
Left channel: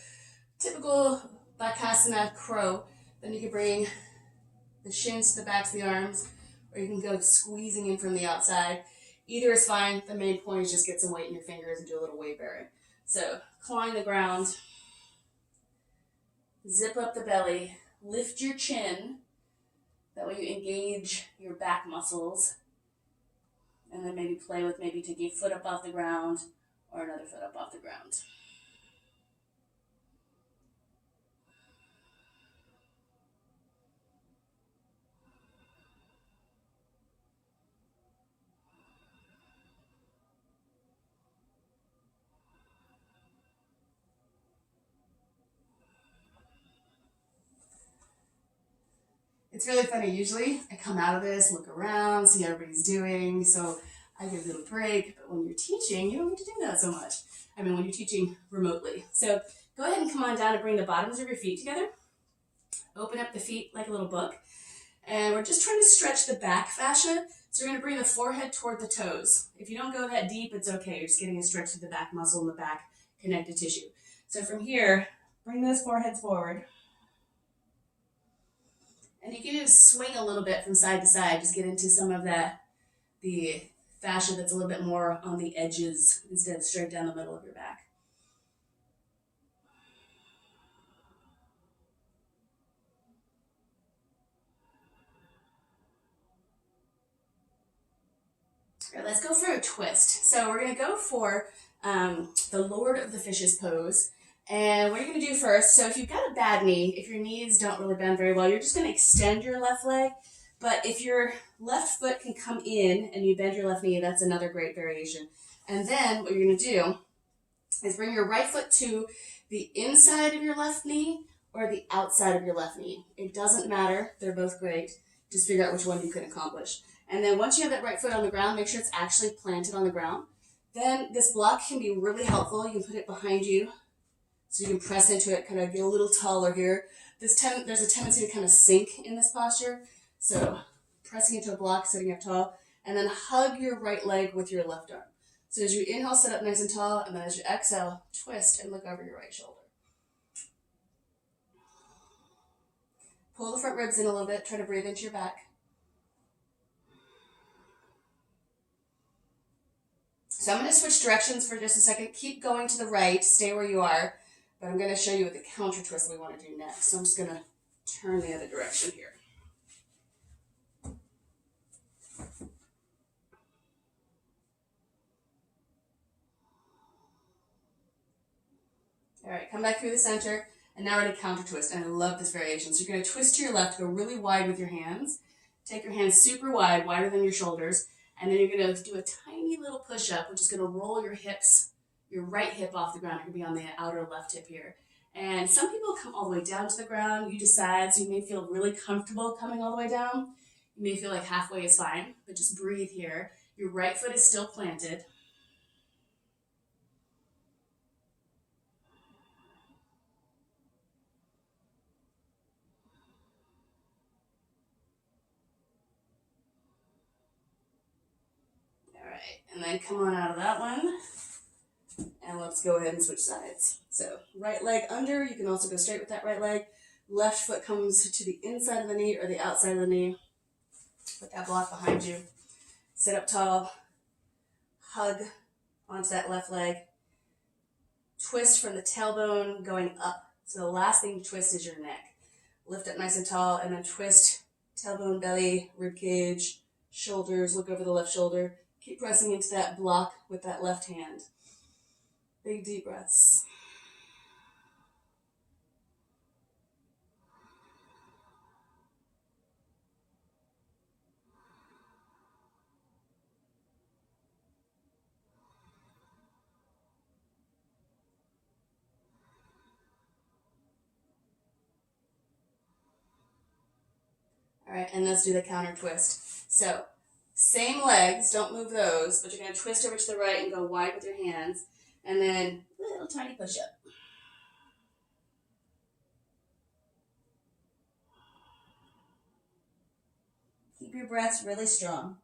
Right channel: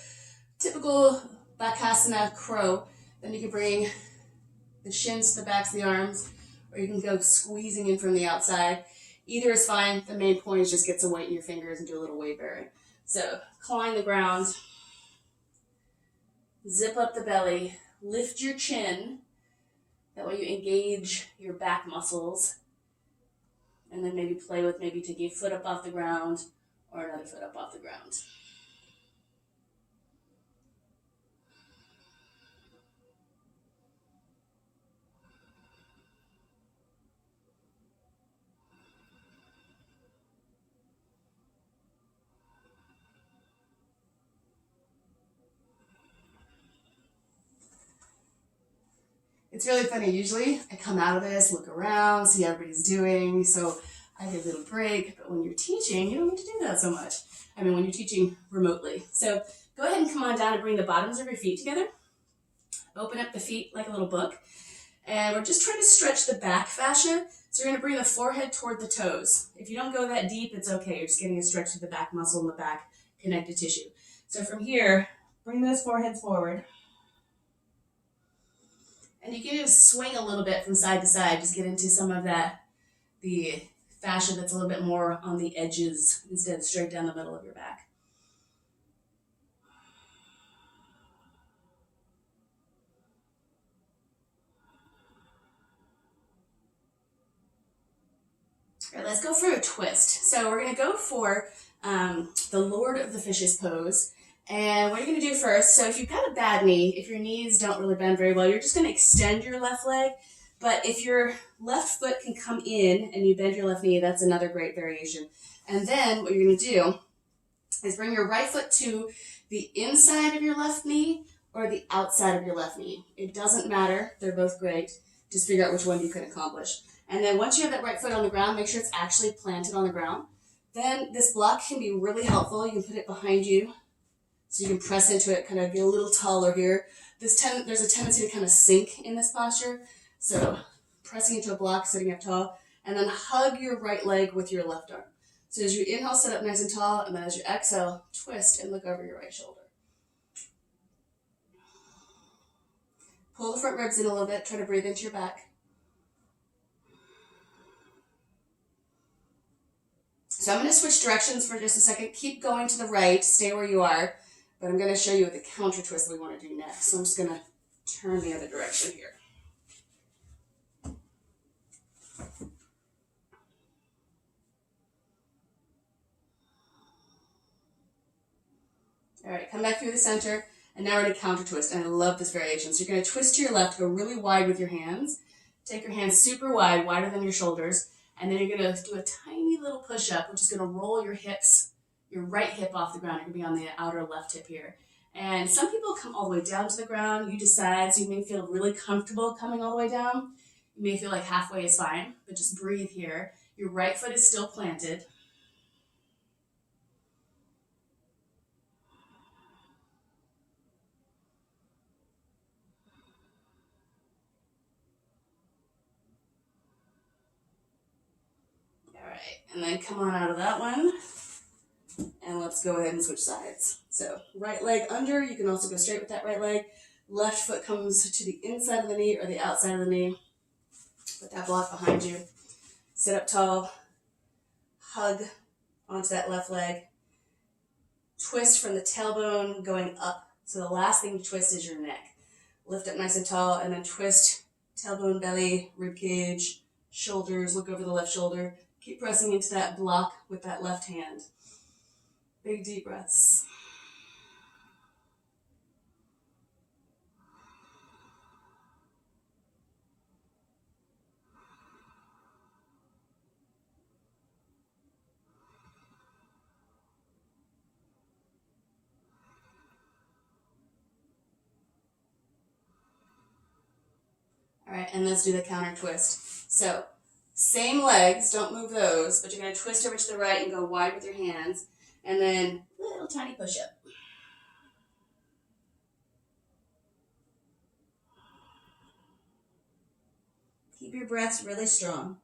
typical Bakasana crow, then you can bring the shins to the backs of the arms, or you can go squeezing in from the outside. Either is fine. The main point is just get some weight in your fingers and do a little weight bearing. So clawing the ground, zip up the belly, lift your chin. That way you engage your back muscles. And then maybe play with maybe taking a foot up off the ground or another foot up off the ground. It's really funny. Usually I come out of this, look around, see how everybody's doing. So I give a little break. But when you're teaching, you don't get to do that so much. I mean, when you're teaching remotely. So go ahead and come on down and bring the bottoms of your feet together. Open up the feet like a little book. And we're just trying to stretch the back fascia. So you're going to bring the forehead toward the toes. If you don't go that deep, it's okay. You're just getting a stretch to the back muscle and the back connective tissue. So from here, bring those foreheads forward. And you can just swing a little bit from side to side. Just get into some of that, the fascia that's a little bit more on the edges instead of straight down the middle of your back. All right, let's go for a twist. So we're going to go for the Lord of the Fishes pose. And what you're going to do first, so if you've got a bad knee, if your knees don't really bend very well, you're just going to extend your left leg. But if your left foot can come in and you bend your left knee, that's another great variation. And then what you're going to do is bring your right foot to the inside of your left knee or the outside of your left knee. It doesn't matter. They're both great. Just figure out which one you can accomplish. And then once you have that right foot on the ground, make sure it's actually planted on the ground. Then this block can be really helpful. You can put it behind you so you can press into it, kind of get a little taller here. There's a tendency to kind of sink in this posture. So pressing into a block, sitting up tall, and then hug your right leg with your left arm. So as you inhale, sit up nice and tall, and then as you exhale, twist and look over your right shoulder. Pull the front ribs in a little bit. Try to breathe into your back. So I'm going to switch directions for just a second. Keep going to the right. Stay where you are. But I'm going to show you what the counter twist we want to do next. So I'm just going to turn the other direction here. All right, come back through the center. And now we're going to counter twist. And I love this variation. So you're going to twist to your left, go really wide with your hands. Take your hands super wide, wider than your shoulders. And then you're going to do a tiny little push-up, which is going to roll your hips, your right hip off the ground. You're going to be on the outer left hip here. And some people come all the way down to the ground. You decide, so you may feel really comfortable coming all the way down. You may feel like halfway is fine, but just breathe here. Your right foot is still planted. All right, and then come on out of that one. And let's go ahead and switch sides. So right leg under, you can also go straight with that right leg. Left foot comes to the inside of the knee or the outside of the knee. Put that block behind you. Sit up tall. Hug onto that left leg. Twist from the tailbone going up. So the last thing to twist is your neck. Lift up nice and tall and then twist tailbone, belly, rib cage, shoulders. Look over the left shoulder. Keep pressing into that block with that left hand. Big deep breaths. All right, and let's do the counter twist. So, same legs, don't move those, but you're going to twist over to the right and go wide with your hands, and then little tiny push-up. Keep your breaths really strong.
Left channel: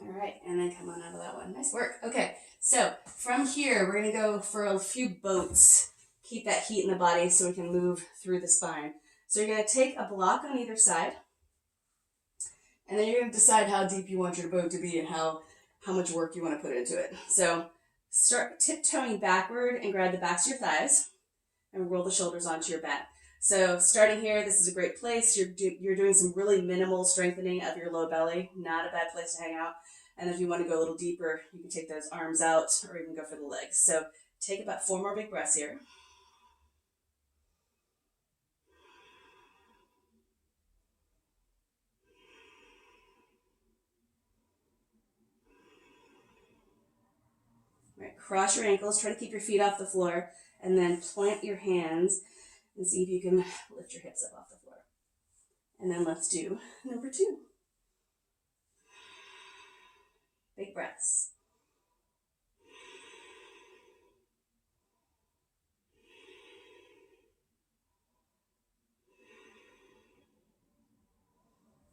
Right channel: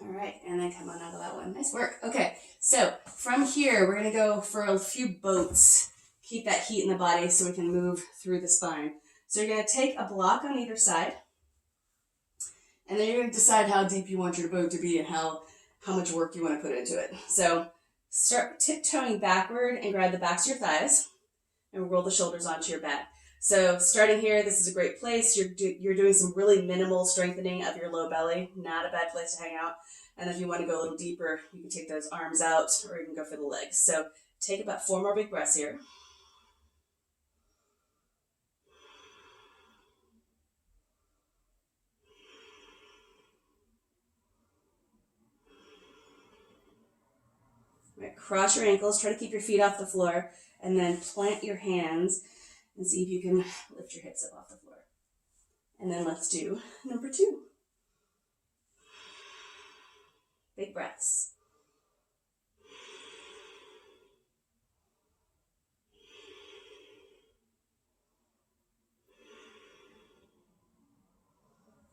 All right, and then come on out of that one. Nice work. Okay, so from here, we're going to go for a few boats. Keep that heat in the body so we can move through the spine. So you're going to take a block on either side, and then you're going to decide how deep you want your boat to be and how much work you want to put into it. So start tiptoeing backward and grab the backs of your thighs and roll the shoulders onto your back. So starting here, this is a great place. You're doing some really minimal strengthening of your low belly. Not a bad place to hang out. And if you want to go a little deeper, you can take those arms out or even go for the legs. So take about 4 more big breaths here. All right, cross your ankles. Try to keep your feet off the floor. And then plant your hands and see if you can lift your hips up off the floor. And then let's do number 2. Big breaths.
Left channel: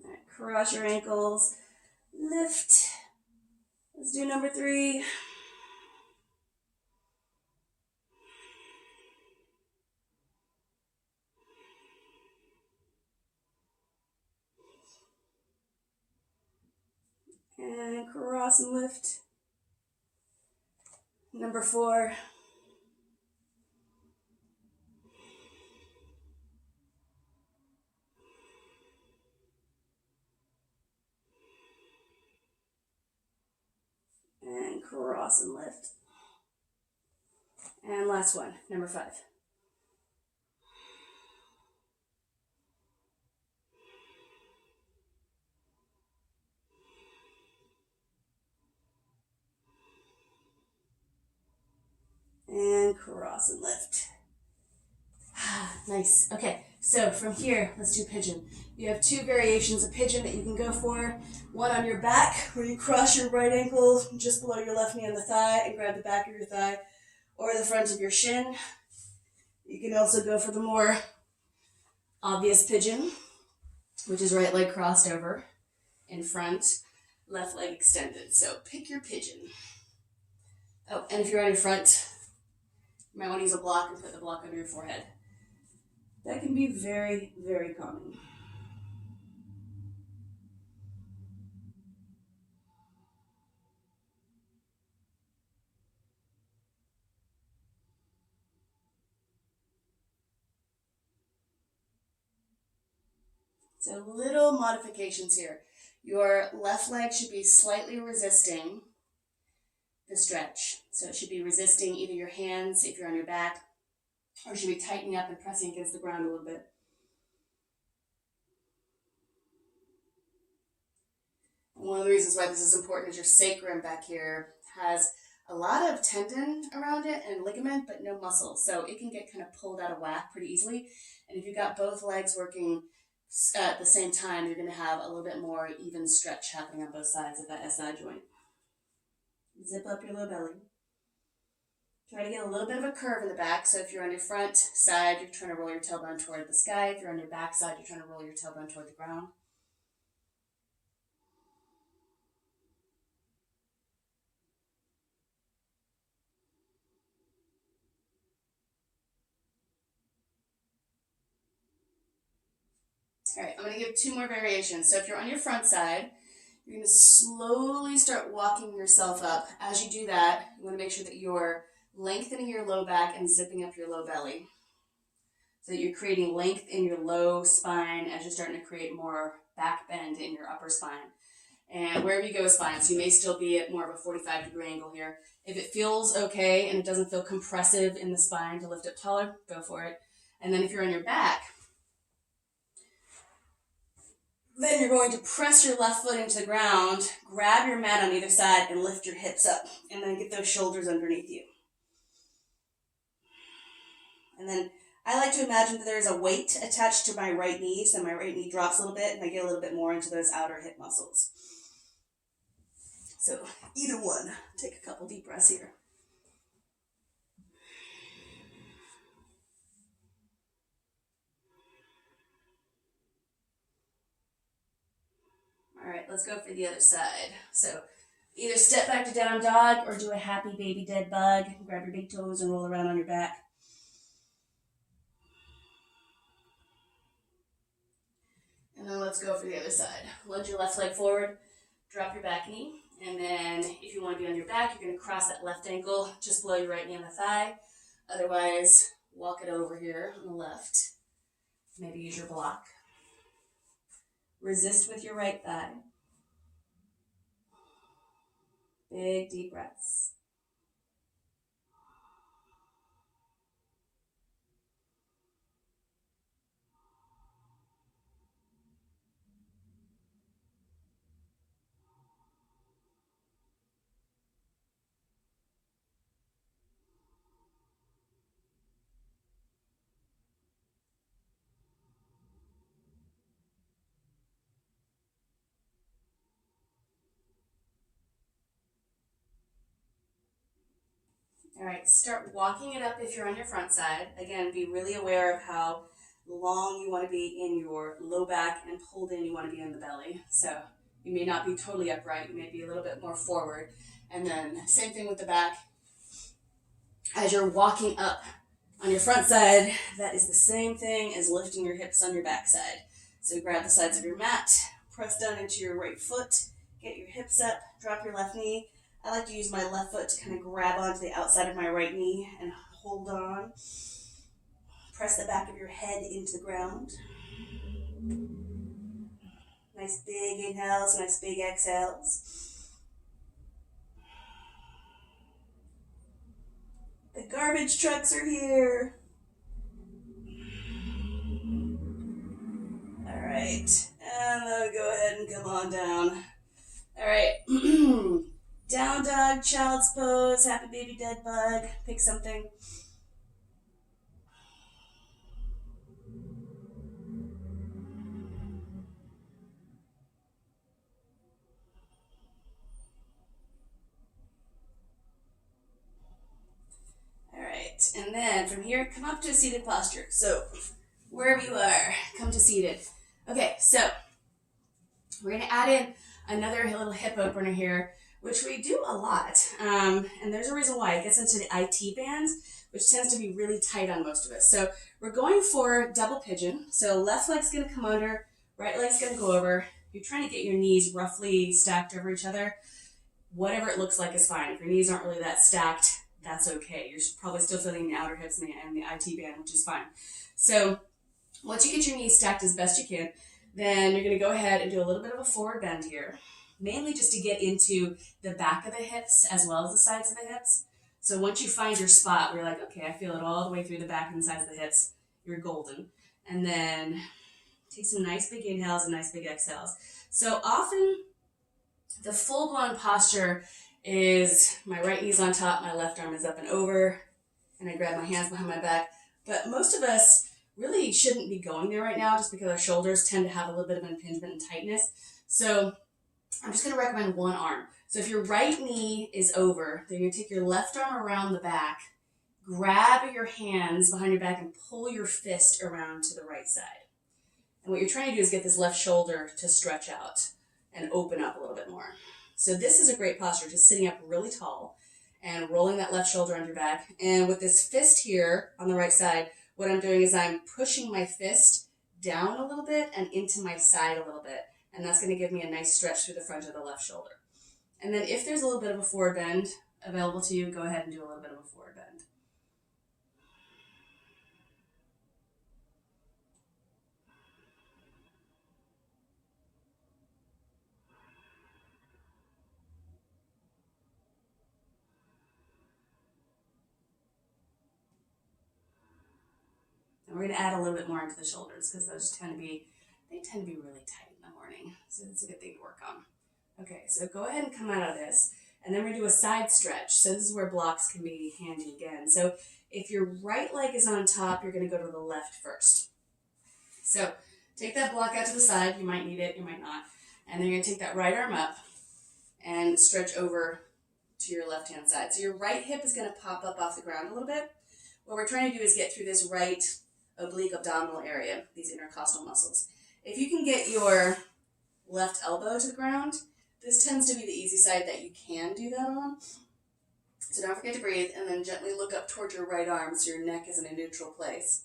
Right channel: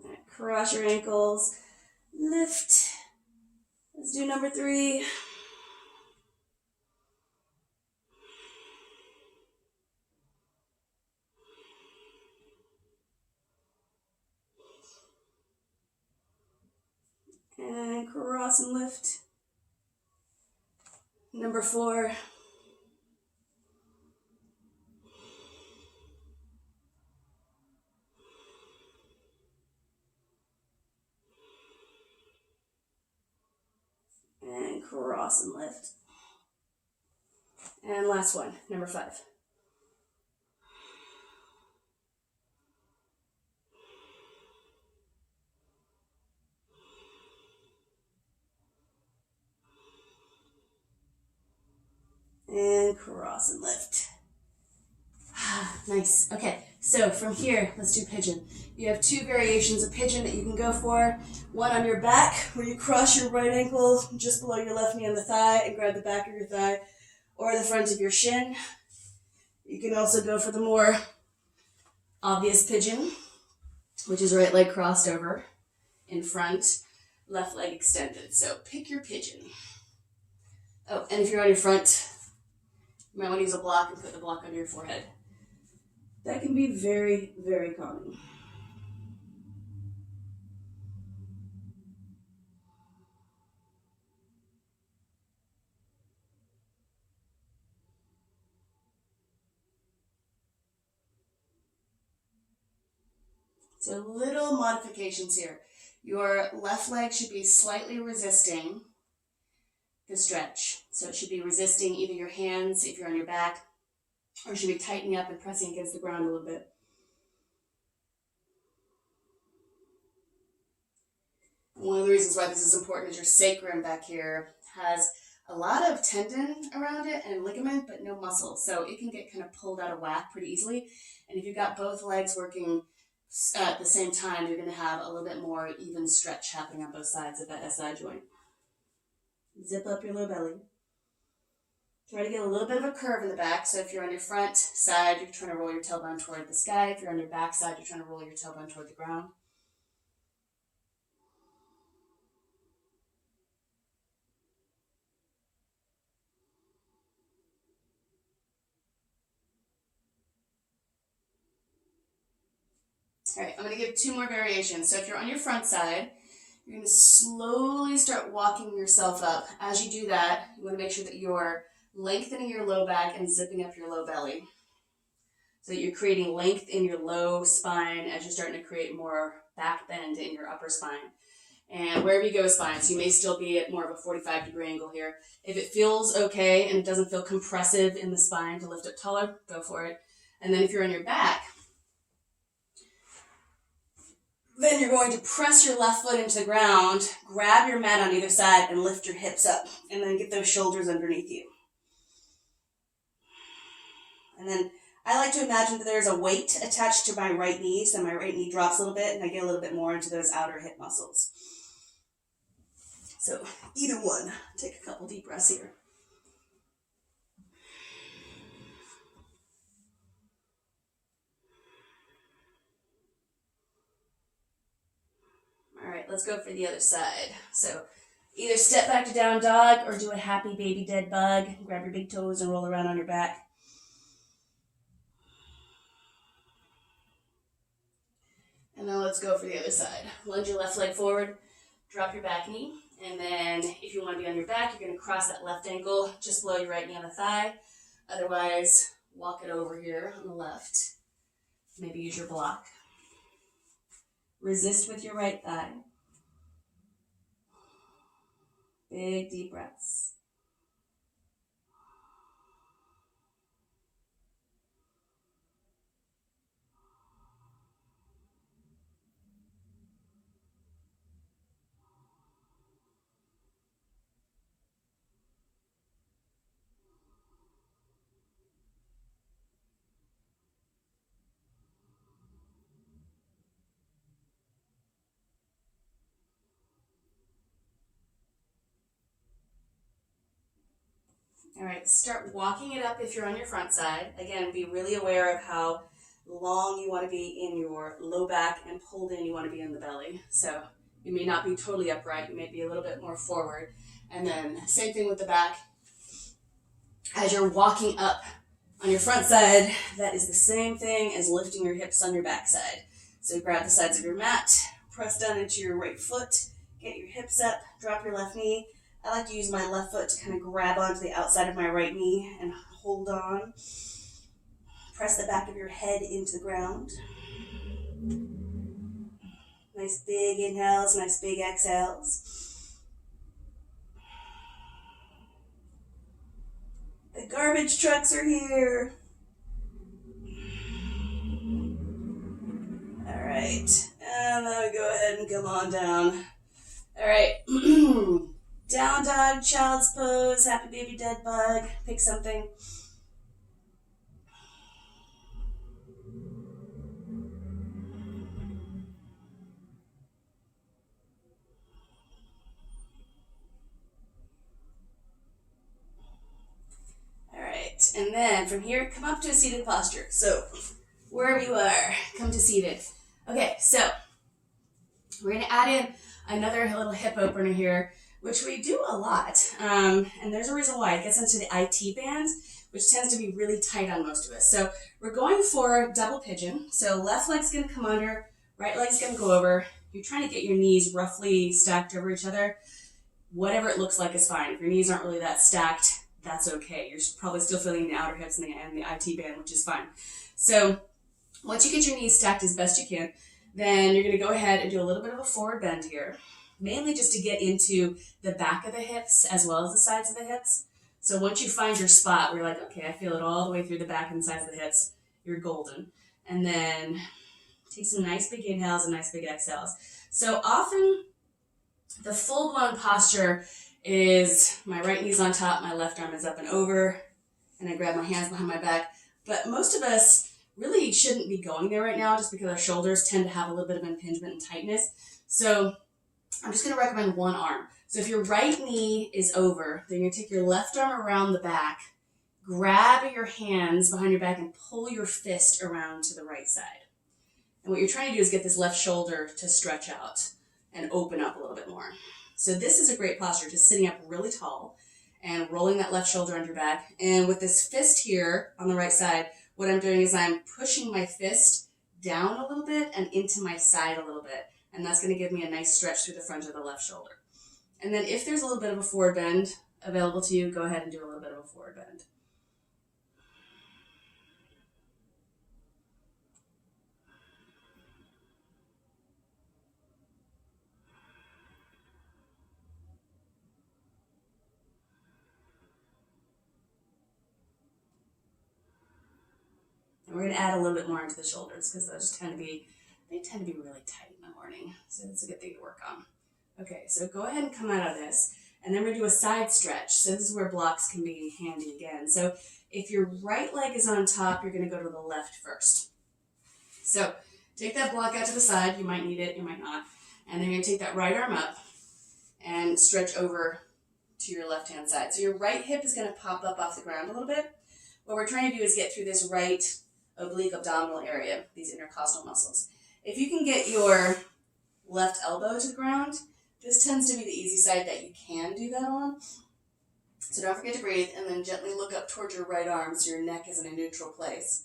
All right, cross your ankles. Lift. Let's do number 3. And cross and lift. Number 4. And cross and lift. And last one, number 5. And cross and lift. Nice. Okay, so from here, let's do pigeon. You have 2 variations of pigeon that you can go for. One on your back, where you cross your right ankle just below your left knee on the thigh and grab the back of your thigh or the front of your shin. You can also go for the more obvious pigeon, which is right leg crossed over in front, left leg extended. So pick your pigeon. Oh, and if you're on your front, you might want to use a block and put the block under your forehead. That can be very, very calming. So little modifications here. Your left leg should be slightly resisting the stretch. So it should be resisting either your hands if you're on your back, or it should be tightening up and pressing against the ground a little bit. And one of the reasons why this is important is your sacrum back here has a lot of tendon around it and ligament, but no muscle. So it can get kind of pulled out of whack pretty easily. And if you've got both legs working at the same time, you're going to have a little bit more even stretch happening on both sides of that SI joint. Zip up your low belly. Try to get a little bit of a curve in the back. So if you're on your front side, you're trying to roll your tailbone toward the sky. If you're on your back side, you're trying to roll your tailbone toward the ground. All right, I'm going to give 2 more variations. So if you're on your front side, you're going to slowly start walking yourself up. As you do that, you want to make sure that you're lengthening your low back and zipping up your low belly. So that you're creating length in your low spine as you're starting to create more back bend in your upper spine. And wherever you go is fine. So you may still be at more of a 45-degree angle here. If it feels okay and it doesn't feel compressive in the spine to lift up taller, go for it. And then if you're on your back, then you're going to press your left foot into the ground, grab your mat on either side, and lift your hips up. And then get those shoulders underneath you. And then I like to imagine that there's a weight attached to my right knee, so my right knee drops a little bit, and I get a little bit more into those outer hip muscles. So either one. Take a couple deep breaths here. All right, let's go for the other side. So either step back to down dog or do a happy baby dead bug. Grab your big toes and roll around on your back. And then let's go for the other side. Lunge your left leg forward, drop your back knee, and then if you want to be on your back, you're going to cross that left ankle just below your right knee on the thigh. Otherwise, walk it over here on the left. Maybe use your block. Resist with your right thigh. Big, deep breaths. All right, start walking it up if you're on your front side. Again, be really aware of how long you want to be in your low back and pulled in you want to be in the belly. So you may not be totally upright. You may be a little bit more forward. And then same thing with the back. As you're walking up on your front side, that is the same thing as lifting your hips on your back side. So grab the sides of your mat, press down into your right foot, get your hips up, drop your left knee. I like to use my left foot to kind of grab onto the outside of my right knee and hold on. Press the back of your head into the ground. Nice big inhales, nice big exhales. The garbage trucks are here. All right, and then we go ahead and come on down. All right. Down dog, child's pose, happy baby dead bug. Pick something. All right, and then from here, come up to a seated posture. So wherever you are, come to seated. Okay, so we're gonna add in another little hip opener here, which we do a lot, and there's a reason why. It gets into the IT band, which tends to be really tight on most of us. So we're going for double pigeon. So left leg's gonna come under, right leg's gonna go over. You're trying to get your knees roughly stacked over each other. Whatever it looks like is fine. If your knees aren't really that stacked, that's okay. You're probably still feeling the outer hips and the IT band, which is fine. So once you get your knees stacked as best you can, then you're gonna go ahead and do a little bit of a forward bend here, mainly just to get into the back of the hips as well as the sides of the hips. So once you find your spot where you're like, okay, I feel it all the way through the back and the sides of the hips, you're golden. And then take some nice big inhales and nice big exhales. So often the full-blown posture is my right knee's on top, my left arm is up and over, and I grab my hands behind my back. But most of us really shouldn't be going there right now just because our shoulders tend to have a little bit of impingement and tightness. So I'm just going to recommend one arm. So if your right knee is over, then you're going to take your left arm around the back, grab your hands behind your back, and pull your fist around to the right side. And what you're trying to do is get this left shoulder to stretch out and open up a little bit more. So this is a great posture, just sitting up really tall and rolling that left shoulder under your back. And with this fist here on the right side, what I'm doing is I'm pushing my fist down a little bit and into my side a little bit. And that's going to give me a nice stretch through the front of the left shoulder. And then if there's a little bit of a forward bend available to you, go ahead and do a little bit of a forward bend. And we're going to add a little bit more into the shoulders because those tend to be really tight in the morning. So that's a good thing to work on. Okay, so go ahead and come out of this. And then we're going to do a side stretch. So this is where blocks can be handy again. So if your right leg is on top, you're going to go to the left first. So take that block out to the side. You might need it, you might not. And then you're going to take that right arm up and stretch over to your left-hand side. So your right hip is going to pop up off the ground a little bit. What we're trying to do is get through this right oblique abdominal area, these intercostal muscles. If you can get your left elbow to the ground, this tends to be the easy side that you can do that on. So don't forget to breathe, and then gently look up towards your right arm so your neck is in a neutral place.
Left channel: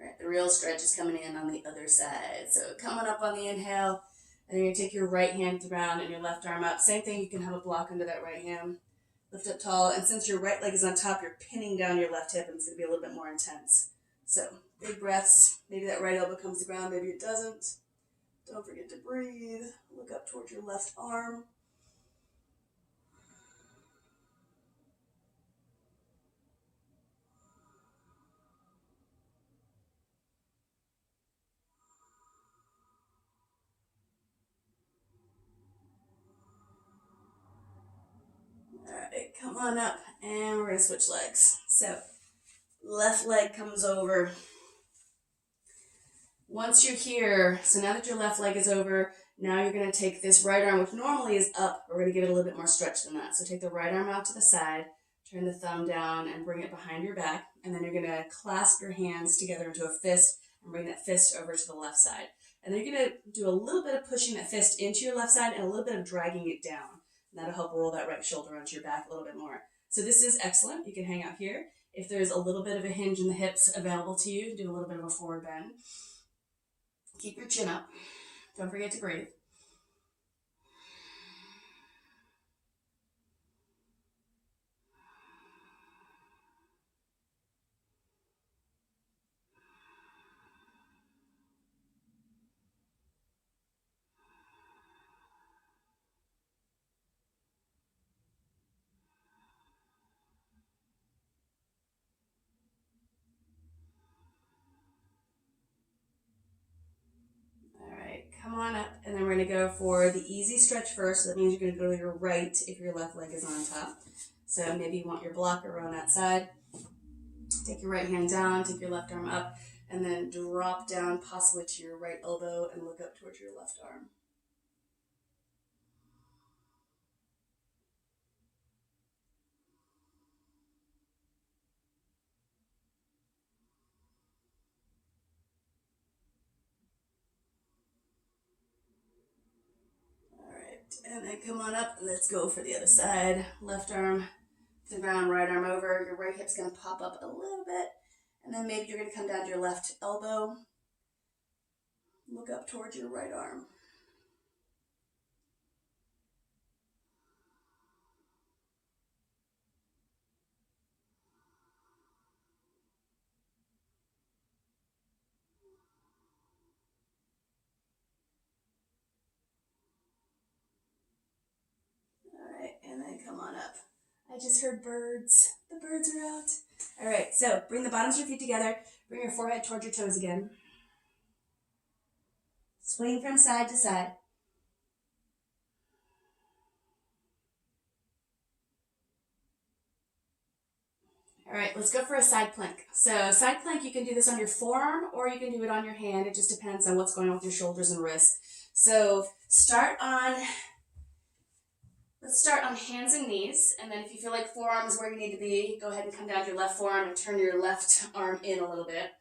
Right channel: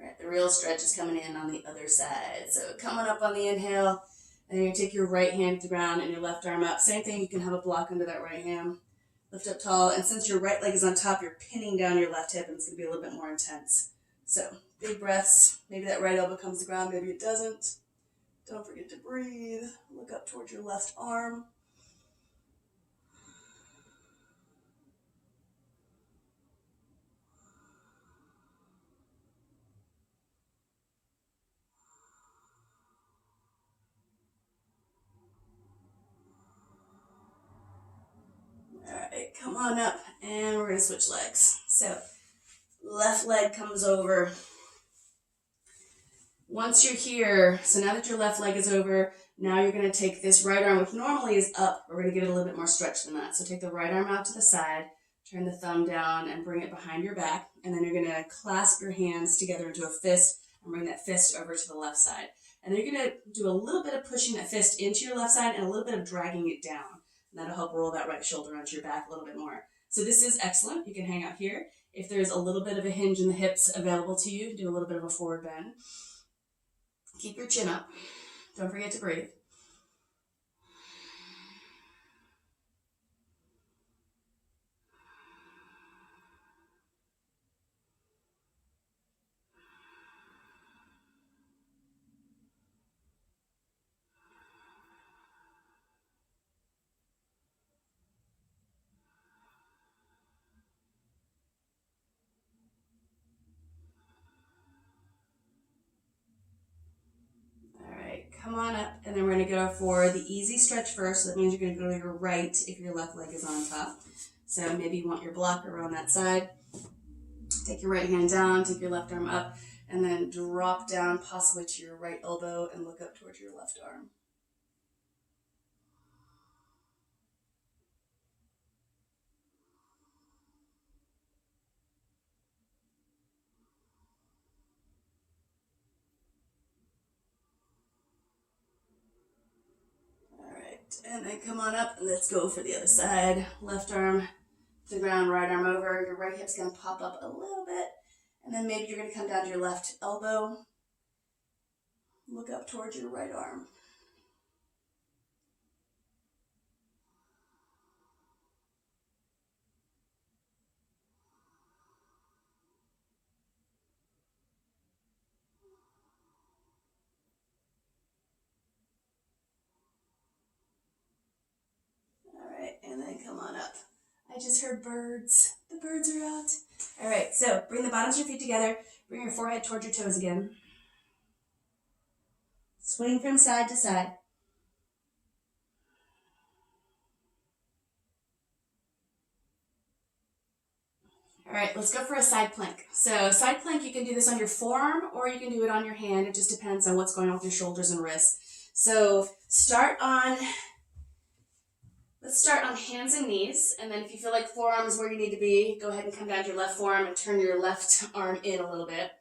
All right, the real stretch is coming in on the other side. So coming up on the inhale, and then you're going to take your right hand to the ground and your left arm up. Same thing, you can have a block under that right hand. Lift up tall, and since your right leg is on top, you're pinning down your left hip, and it's going to be a little bit more intense. So, big breaths. Maybe that right elbow comes to the ground, maybe it doesn't. Don't forget to breathe. Look up towards your left arm. All right, come on up, and we're going to switch legs. So, left leg comes over. Once you're here, so now that your left leg is over, now you're going to take this right arm, which normally is up. We're going to give it a little bit more stretch than that. So take the right arm out to the side, turn the thumb down, and bring it behind your back. And then you're going to clasp your hands together into a fist and bring that fist over to the left side. And then you're going to do a little bit of pushing that fist into your left side and a little bit of dragging it down. And that'll help roll that right shoulder onto your back a little bit more. So this is excellent. You can hang out here. If there's a little bit of a hinge in the hips available to you, do a little bit of a forward bend. Keep your chin up. Don't forget to breathe. Come on up, and then we're going to go for the easy stretch first. So that means you're going to go to your right if your left leg is on top. So maybe you want your blocker on that side. Take your right hand down, take your left arm up, and then drop down possibly to your right elbow and look up towards your left arm. And then come on up, and let's go for the other side. Left arm to the ground, right arm over. Your right hip's going to pop up a little bit. And then maybe you're going to come down to your left elbow. Look up towards your right arm. And then come on up. I just heard birds. The birds are out. All right, so bring the bottoms of your feet together. Bring your forehead towards your toes again. Swing from side to side. All right, let's go for a side plank. So side plank, you can do this on your forearm or you can do it on your hand. It just depends on what's going on with your shoulders and wrists. So let's start on hands and knees. And then if you feel like forearm is where you need to be, go ahead and come down to your left forearm and turn your left arm in a little bit.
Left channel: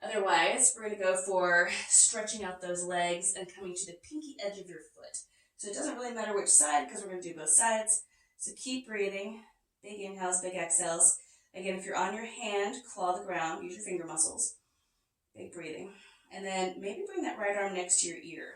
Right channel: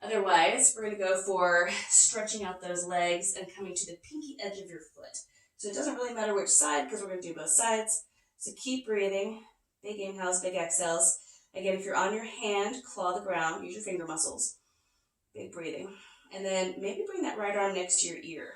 Otherwise, we're going to go for stretching out those legs and coming to the pinky edge of your foot. So it doesn't really matter which side because we're going to do both sides. So keep breathing. Big inhales, big exhales. Again, if you're on your hand, claw the ground. Use your finger muscles. Big breathing. And then maybe bring that right arm next to your ear.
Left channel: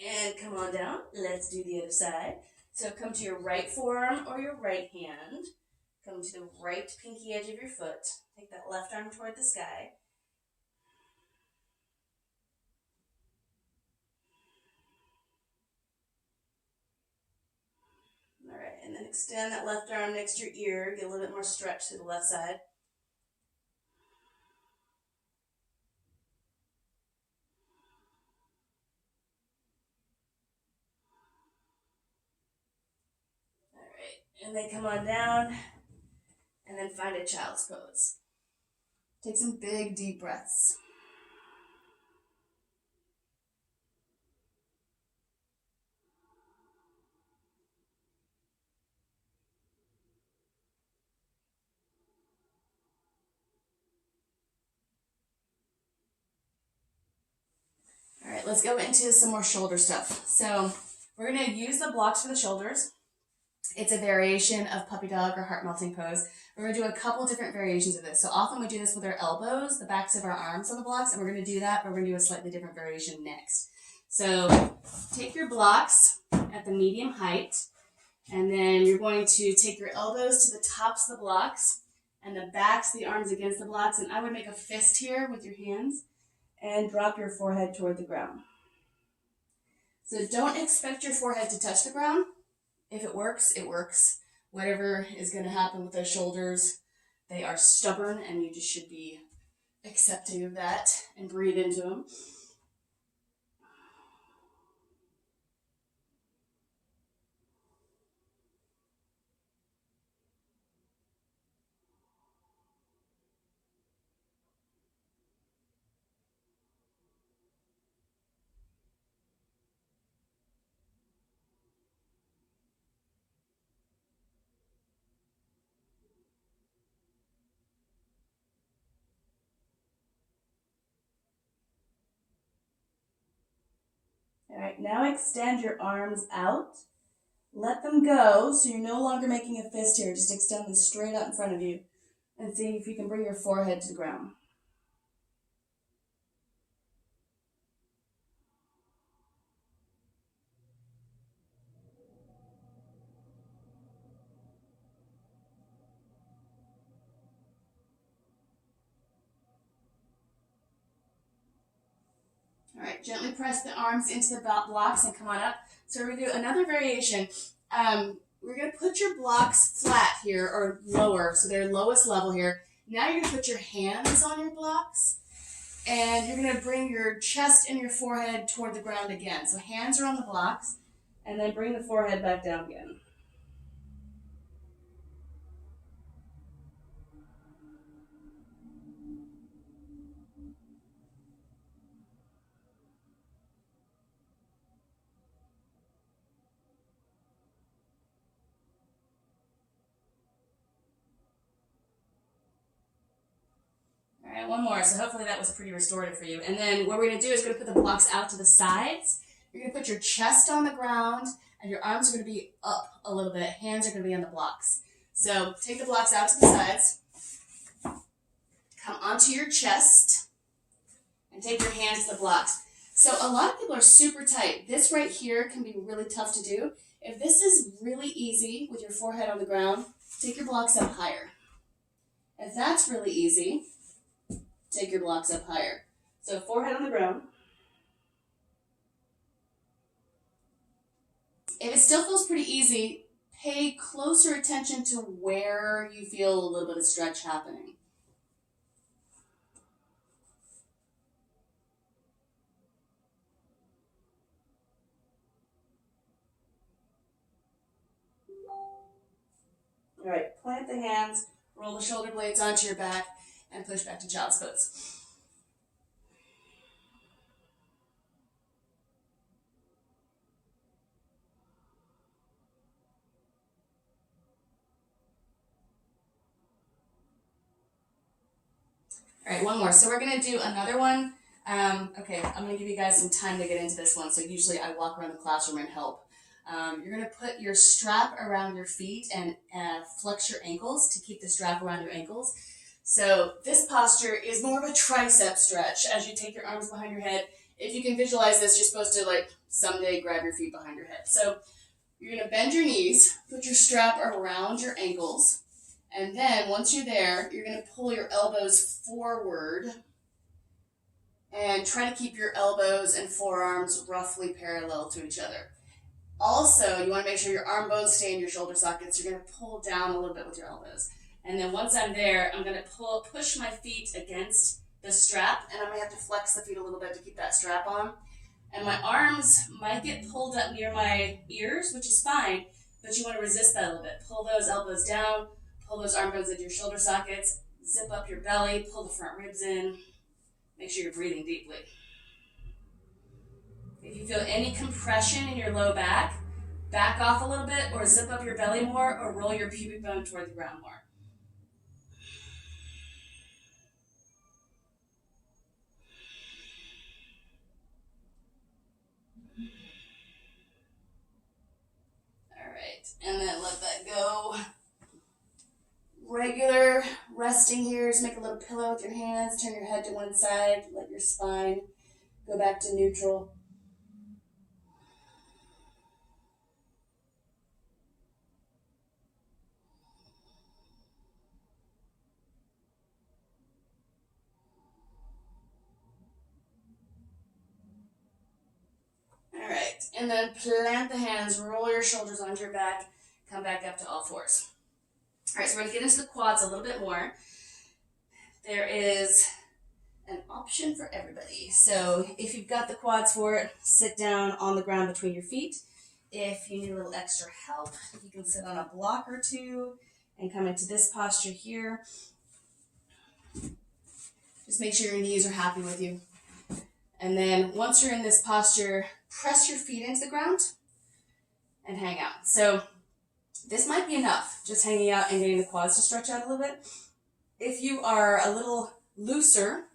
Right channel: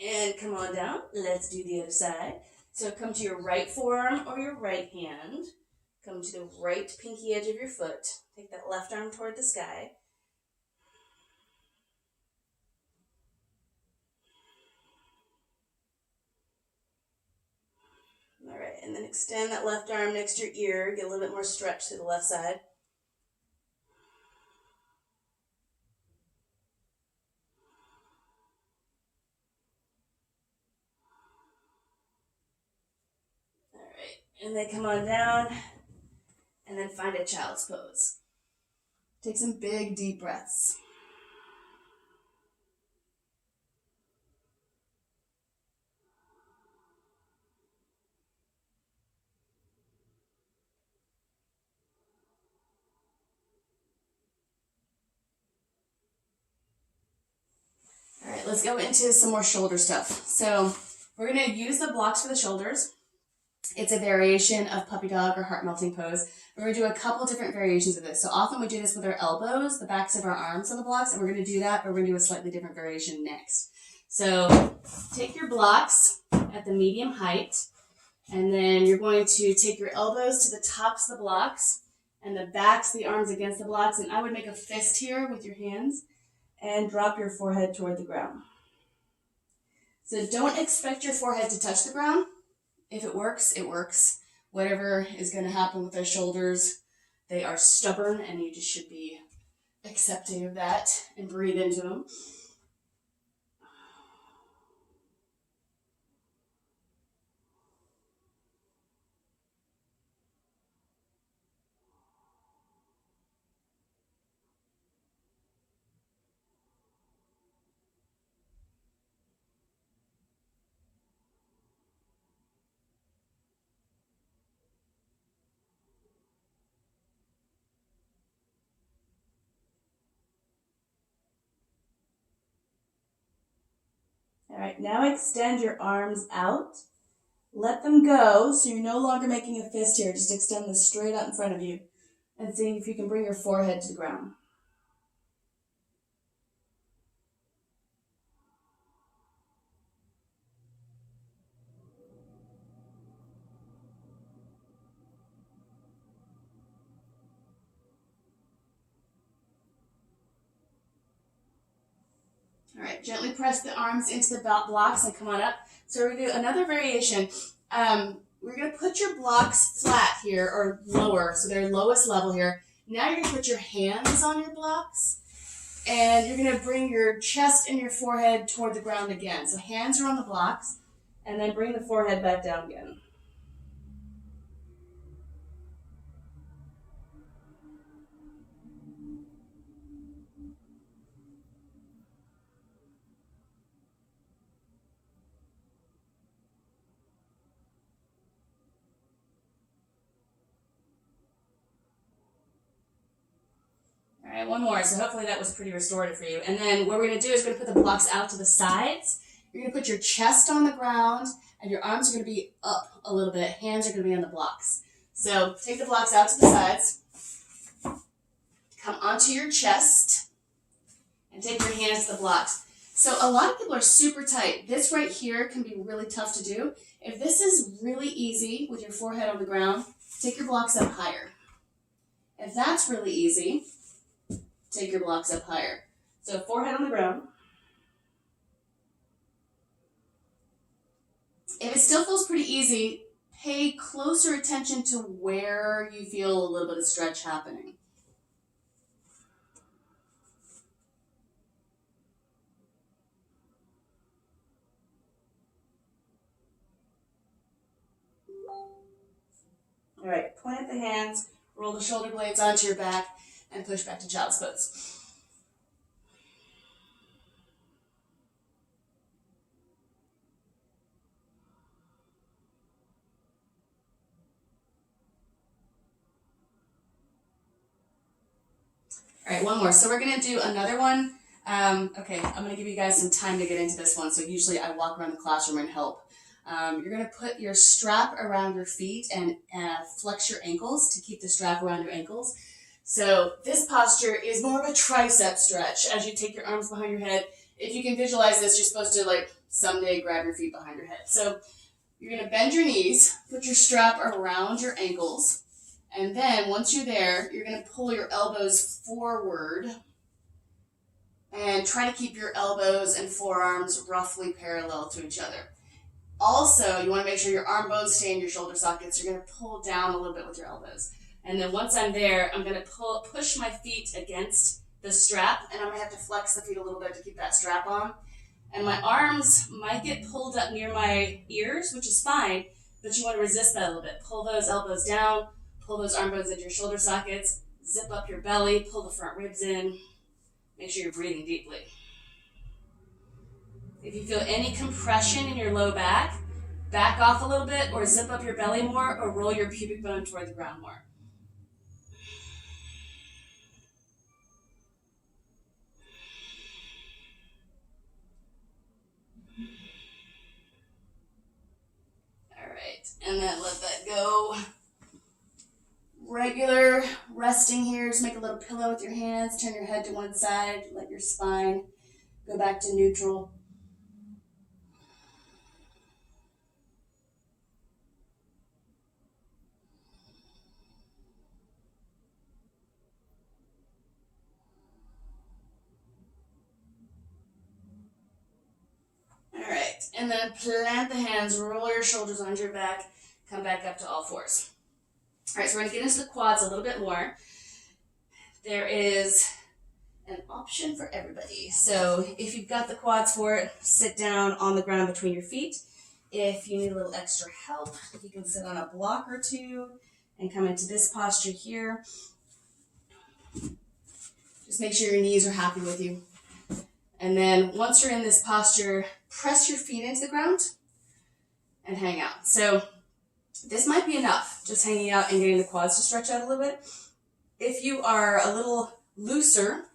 And come on down. Let's do the other side. So come to your right forearm or your right hand. Come to the right pinky edge of your foot. Take that left arm toward the sky. All right, and then extend that left arm next to your ear. Get a little bit more stretch to the left side. And then come on down, and then find a child's pose. Take some big, deep breaths. All right, let's go into some more shoulder stuff. So we're going to use the blocks for the shoulders. It's a variation of puppy dog or heart melting pose. We're going to do a couple different variations of this. So often we do this with our elbows, the backs of our arms on the blocks, and we're going to do that, but we're going to do a slightly different variation next. So take your blocks at the medium height, and then you're going to take your elbows to the tops of the blocks and the backs of the arms against the blocks. And I would make a fist here with your hands and drop your forehead toward the ground. So don't expect your forehead to touch the ground. If it works, it works. Whatever is going to happen with those shoulders, they are stubborn, and you just should be accepting of that and breathe into them. All right, now extend your arms out. Let them go, so you're no longer making a fist here. Just extend them straight out in front of you and see if you can bring your forehead to the ground. All right, gently press the arms into the blocks and come on up. So we're going to do another variation. We're going to put your blocks flat here or lower, so they're lowest level here. Now you're going to put your hands on your blocks, and you're going to bring your chest and your forehead toward the ground again. So hands are on the blocks, and then bring the forehead back down again. All right, one more. So hopefully that was pretty restorative for you. And then what we're going to do is we're going to put the blocks out to the sides. You're going to put your chest on the ground, and your arms are going to be up a little bit. Hands are going to be on the blocks. So take the blocks out to the sides. Come onto your chest, and take your hands to the blocks. So a lot of people are super tight. This right here can be really tough to do. If this is really easy with your forehead on the ground, take your blocks up higher. If that's really easy, take your blocks up higher. So forehead on the ground. If it still feels pretty easy, pay closer attention to where you feel a little bit of stretch happening. All right, plant the hands, roll the shoulder blades onto your back, and push back to child's pose. All right, one more. So we're gonna do another one. Okay, I'm gonna give you guys some time to get into this one. So usually I walk around the classroom and help. You're gonna put your strap around your feet and flex your ankles to keep the strap around your ankles. So this posture is more of a tricep stretch as you take your arms behind your head. If you can visualize this, you're supposed to like someday grab your feet behind your head. So you're gonna bend your knees, put your strap around your ankles, and then once you're there, you're gonna pull your elbows forward and try to keep your elbows and forearms roughly parallel to each other. Also, you want to make sure your arm bones stay in your shoulder sockets. You're going to pull down a little bit with your elbows. And then once I'm there, I'm going to push my feet against the strap, and I'm going to have to flex the feet a little bit to keep that strap on. And my arms might get pulled up near my ears, which is fine, but you want to resist that a little bit. Pull those elbows down, pull those arm bones into your shoulder sockets, zip up your belly, pull the front ribs in. Make sure you're breathing deeply. If you feel any compression in your low back off a little bit, or zip up your belly more, or roll your pubic bone toward the ground more. All right, and then let that go. Regular resting here, just make a little pillow with your hands, turn your head to one side, let your spine go back to neutral. All right, and then plant the hands, roll your shoulders onto your back, come back up to all fours. All right, so we're gonna get into the quads a little bit more. There is an option for everybody. So if you've got the quads for it, sit down on the ground between your feet. If you need a little extra help, you can sit on a block or two and come into this posture here. Just make sure your knees are happy with you. And then once you're in this posture, press your feet into the ground and hang out. So this might be enough, just hanging out and getting the quads to stretch out a little bit. If you are a little looser,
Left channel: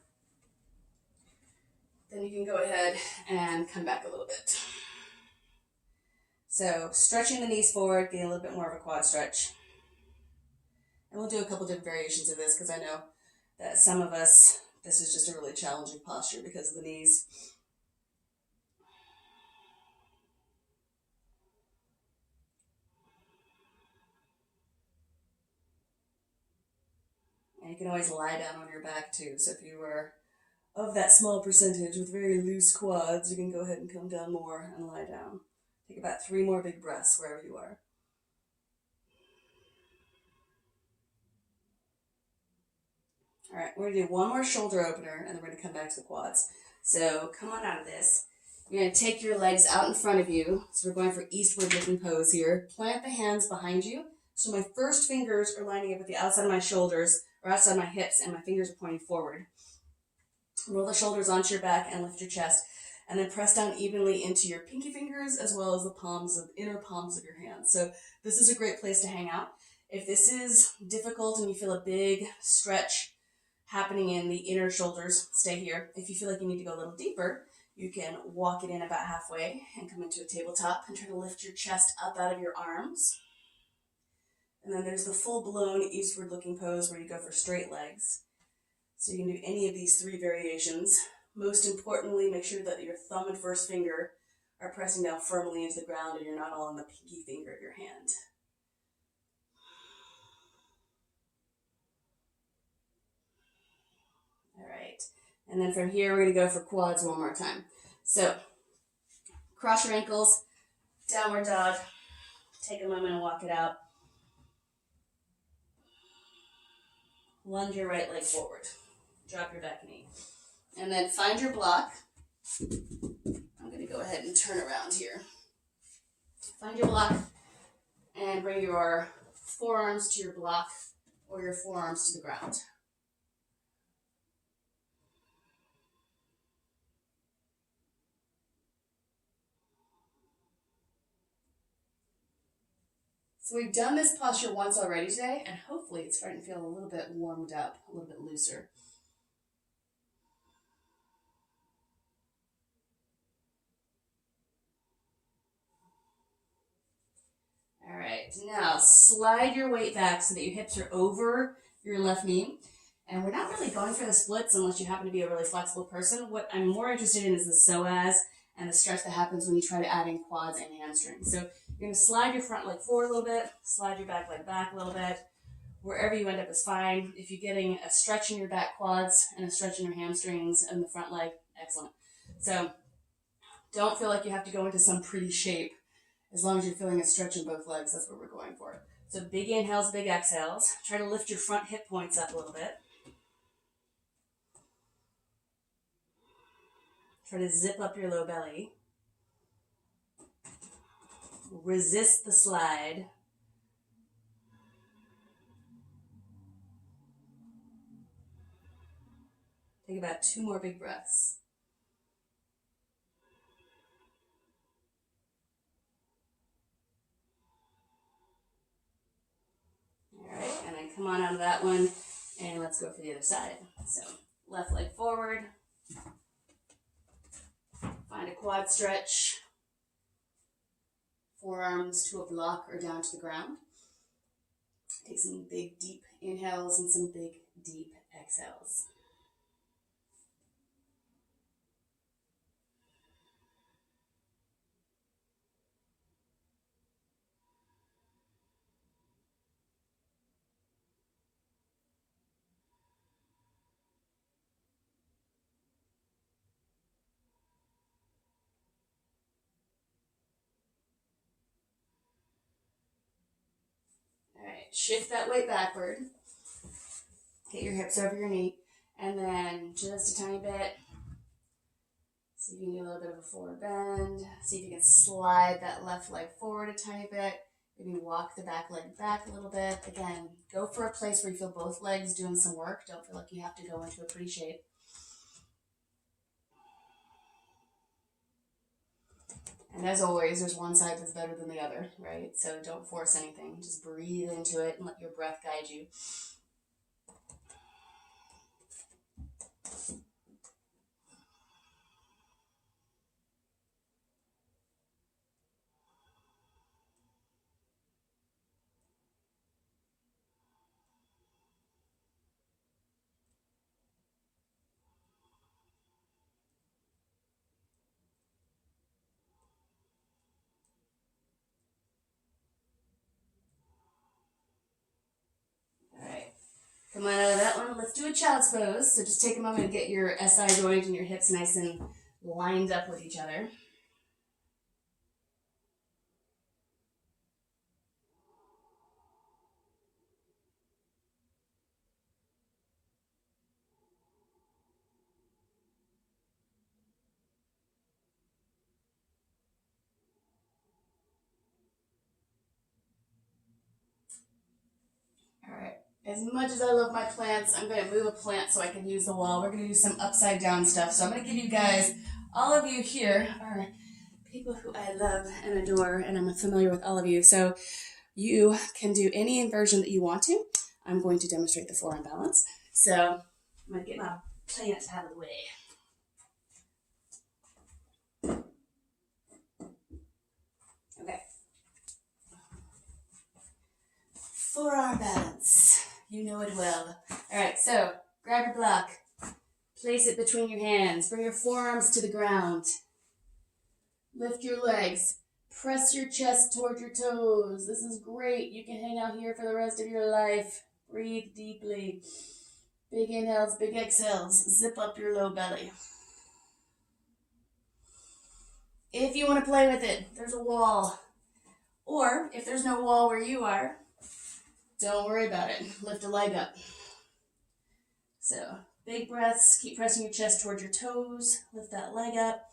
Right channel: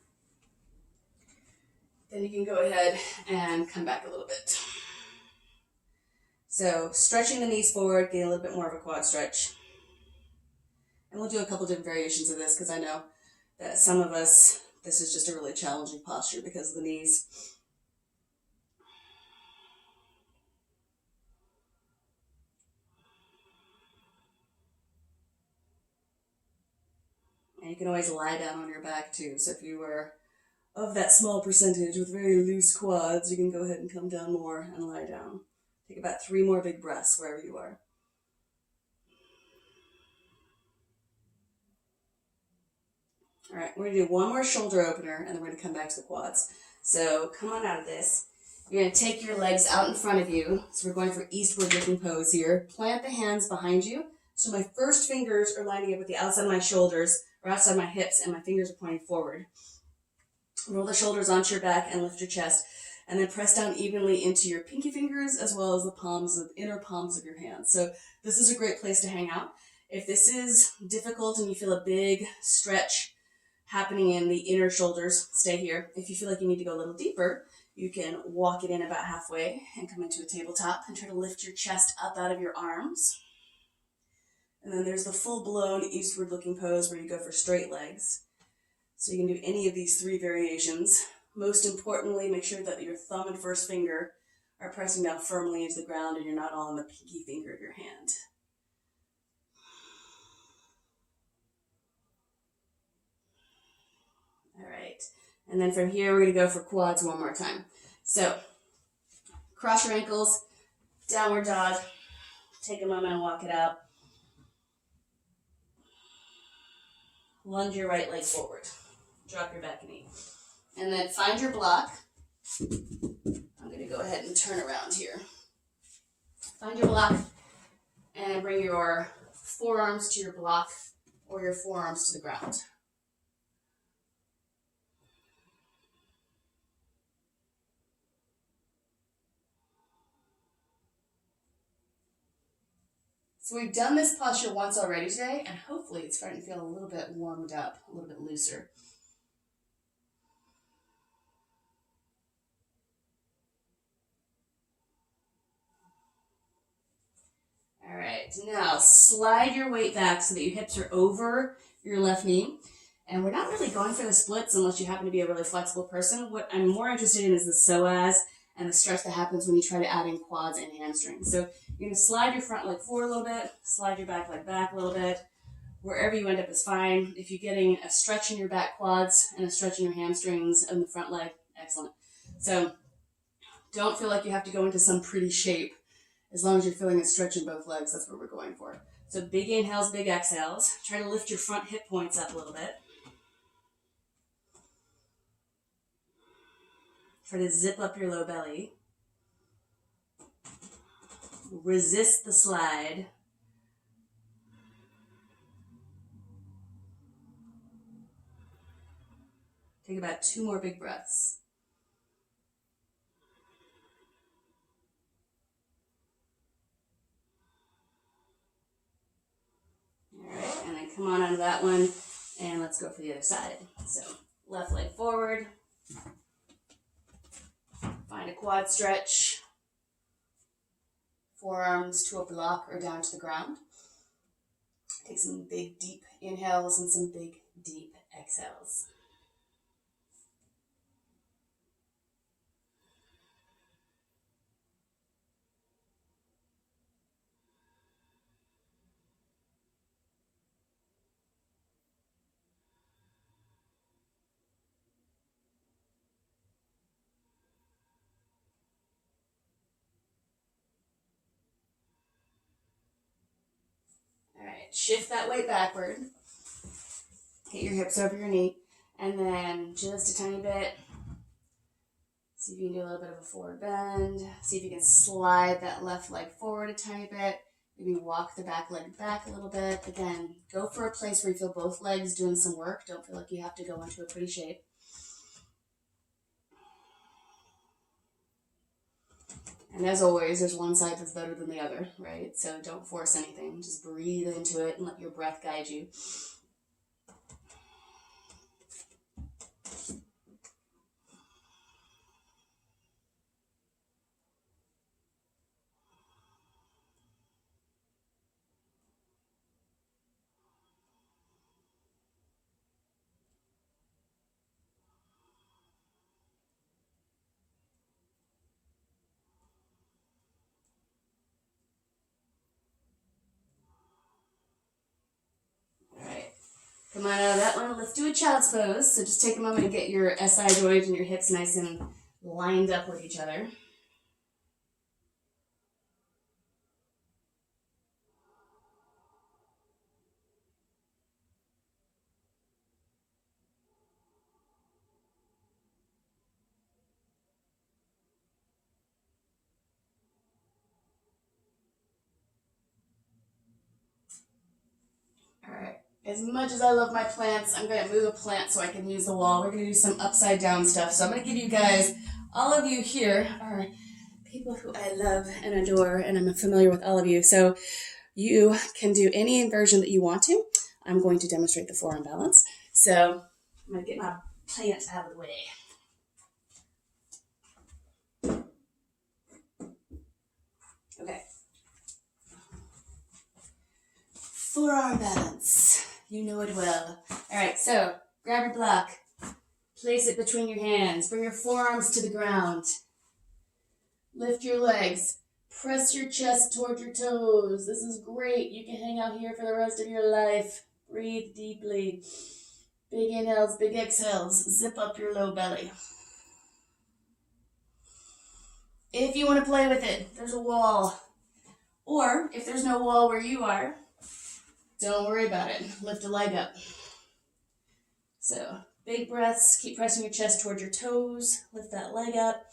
then you can go ahead and come back a little bit. So stretching the knees forward, getting a little bit more of a quad stretch. And we'll do a couple different variations of this because I know that some of us, this is just a really challenging posture because of the knees. And you can always lie down on your back too. So if you were of that small percentage with very loose quads, you can go ahead and come down more and lie down. Take about 3 more big breaths wherever you are. All right, we're gonna do one more shoulder opener and then we're gonna come back to the quads. So come on out of this. You're gonna take your legs out in front of you. So we're going for eastward looking pose here. Plant the hands behind you. So my first fingers are lining up with the outside of my shoulders or outside my hips and my fingers are pointing forward. Roll the shoulders onto your back and lift your chest. And then press down evenly into your pinky fingers as well as the inner palms of your hands. So this is a great place to hang out. If this is difficult and you feel a big stretch happening in the inner shoulders, stay here. If you feel like you need to go a little deeper, you can walk it in about halfway and come into a tabletop and try to lift your chest up out of your arms. And then there's the full-blown eastward looking pose where you go for straight legs. So you can do any of these 3 variations. Most importantly, make sure that your thumb and first finger are pressing down firmly into the ground and you're not all on the pinky finger of your hand. And then from here, we're going to go for quads one more time. So cross your ankles, downward dog. Take a moment and walk it out. Lunge your right leg forward. Drop your back knee. And then find your block. I'm going to go ahead and turn around here. Find your block and bring your forearms to your block or your forearms to the ground. So we've done this posture once already today, and hopefully it's starting to feel a little bit warmed up, a little bit looser. All right, now slide your weight back so that your hips are over your left knee. And we're not really going for the splits unless you happen to be a really flexible person. What I'm more interested in is the psoas and the stretch that happens when you try to add in quads and hamstrings. So you're going to slide your front leg forward a little bit, slide your back leg back a little bit. Wherever you end up is fine. If you're getting a stretch in your back quads and a stretch in your hamstrings and the front leg, excellent. So don't feel like you have to go into some pretty shape. As long as you're feeling a stretch in both legs, that's what we're going for. So big inhales, big exhales. Try to lift your front hip points up a little bit. Try to zip up your low belly. Resist the slide. Take about 2 more big breaths. All right, and then come on out of that one, and let's go for the other side. So left leg forward. Find a quad stretch. Forearms to a block or down to the ground. Take some big, deep inhales and some big, deep exhales. All right, shift that weight backward. Get your hips over your knee, and then just a tiny bit. See if you can do a little bit of a forward bend. See if you can slide that left leg forward a tiny bit. Maybe walk the back leg back a little bit. Again, go for a place where you feel both legs doing some work. Don't feel like you have to go into a pretty shape. And as always, there's one side that's better than the other, right? So don't force anything. Just breathe into it and let your breath guide you. Come on out of that one. Let's do a child's pose. So just take a moment and get your SI joint and your hips nice and lined up with each other. All right. As much as I love my plants, I'm going to move a plant so I can use the wall. We're going to do some upside down stuff. So I'm going to give you guys, all of you here are people who I love and adore, and I'm familiar with all of you. So you can do any inversion that you want to. I'm going to demonstrate the forearm balance. So I'm going to get my plant out of the way. Okay. Forearm balance. You know it well. All right, so grab your block. Place it between your hands. Bring your forearms to the ground. Lift your legs. Press your chest toward your toes. This is great. You can hang out here for the rest of your life. Breathe deeply. Big inhales, big exhales. Zip up your low belly. If you want to play with it, there's a wall. Or if there's no wall where you are, don't worry about it. Lift a leg up. So big breaths. Keep pressing your chest towards your toes. Lift that leg up.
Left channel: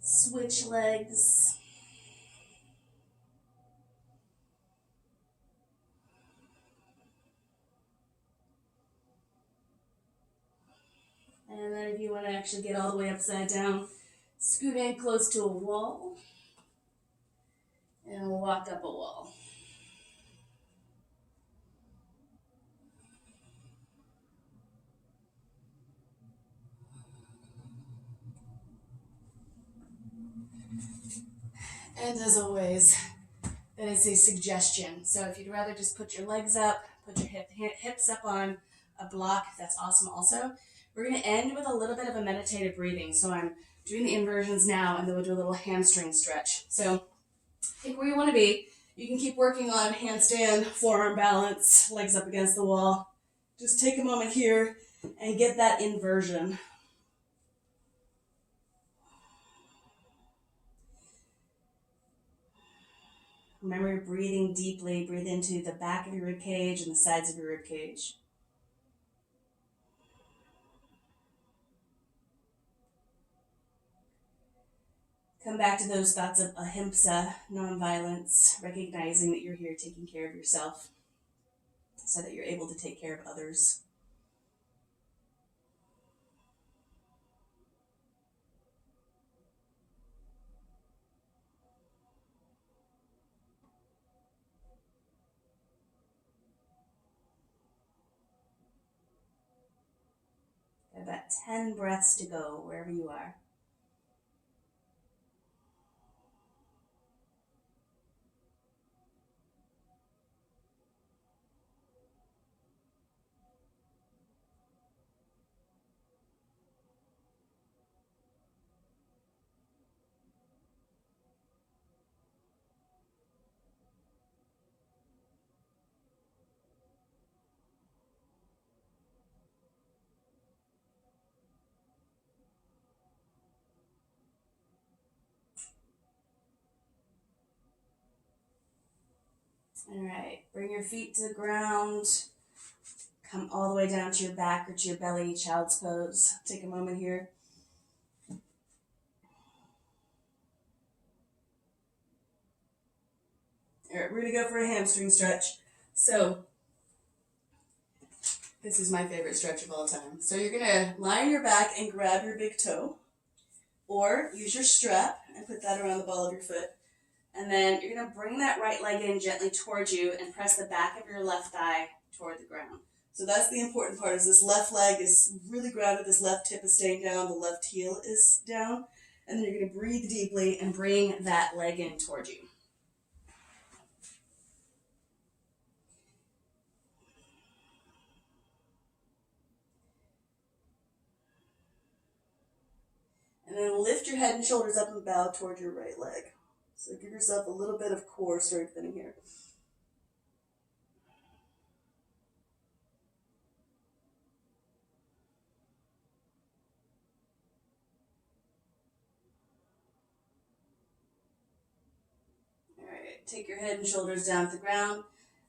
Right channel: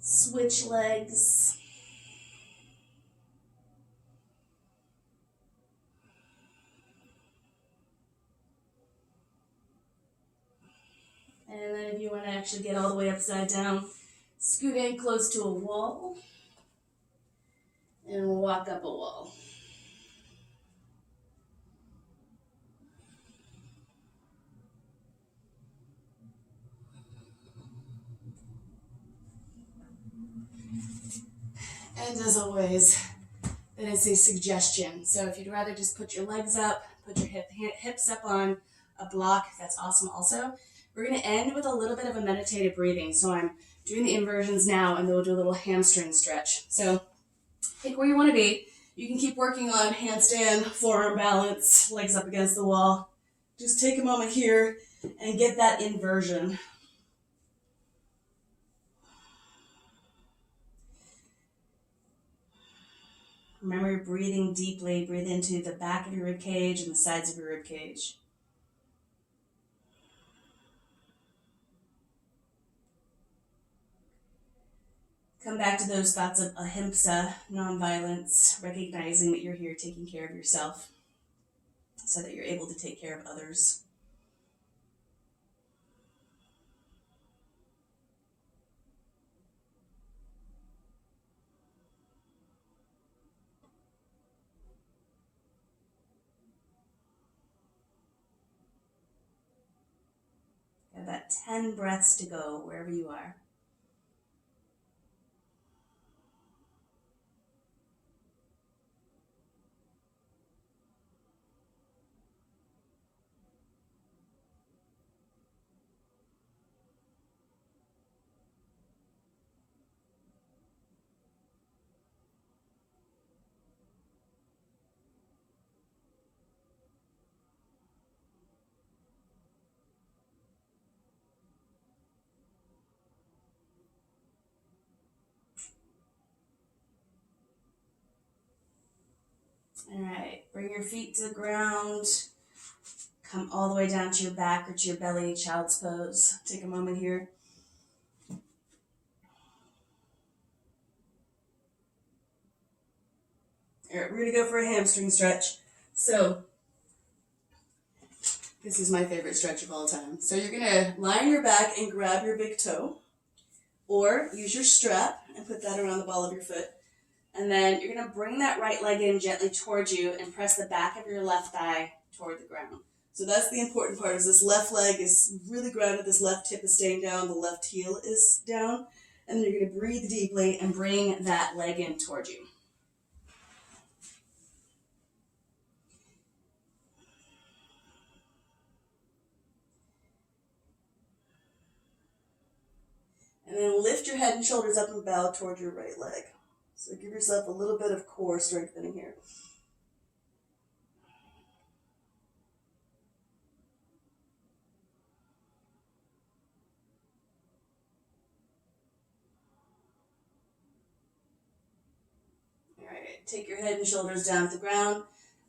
Switch legs. And then if you want to actually get all the way upside down, scoot in close to a wall. And we'll walk up a wall. And as always, then it's a suggestion. So if you'd rather just put your legs up, put your hips up on a block, that's awesome also. We're going to end with a little bit of a meditative breathing. So I'm doing the inversions now, and then we'll do a little hamstring stretch. So pick where you want to be. You can keep working on handstand, forearm balance, legs up against the wall. Just take a moment here and get that inversion. Remember, breathing deeply. Breathe into the back of your rib cage and the sides of your rib cage. Come back to those thoughts of ahimsa, nonviolence, recognizing that you're here taking care of yourself so that you're able to take care of others. Got about 10 breaths to go wherever you are. All right, bring your feet to the ground. Come all the way down to your back or to your belly, child's pose. Take a moment here. All right, we're gonna go for a hamstring stretch. So, this is my favorite stretch of all time. So you're gonna lie on your back and grab your big toe, or use your strap and put that around the ball of your foot. And then you're going to bring that right leg in gently towards you and press the back of your left thigh toward the ground. So that's the important part, is this left leg is really grounded, this left hip is staying down, the left heel is down. And then you're going to breathe deeply and bring that leg in towards you. And then lift your head and shoulders up and bow toward your right leg. So give yourself a little bit of core strengthening here. All right, take your head and shoulders down to the ground.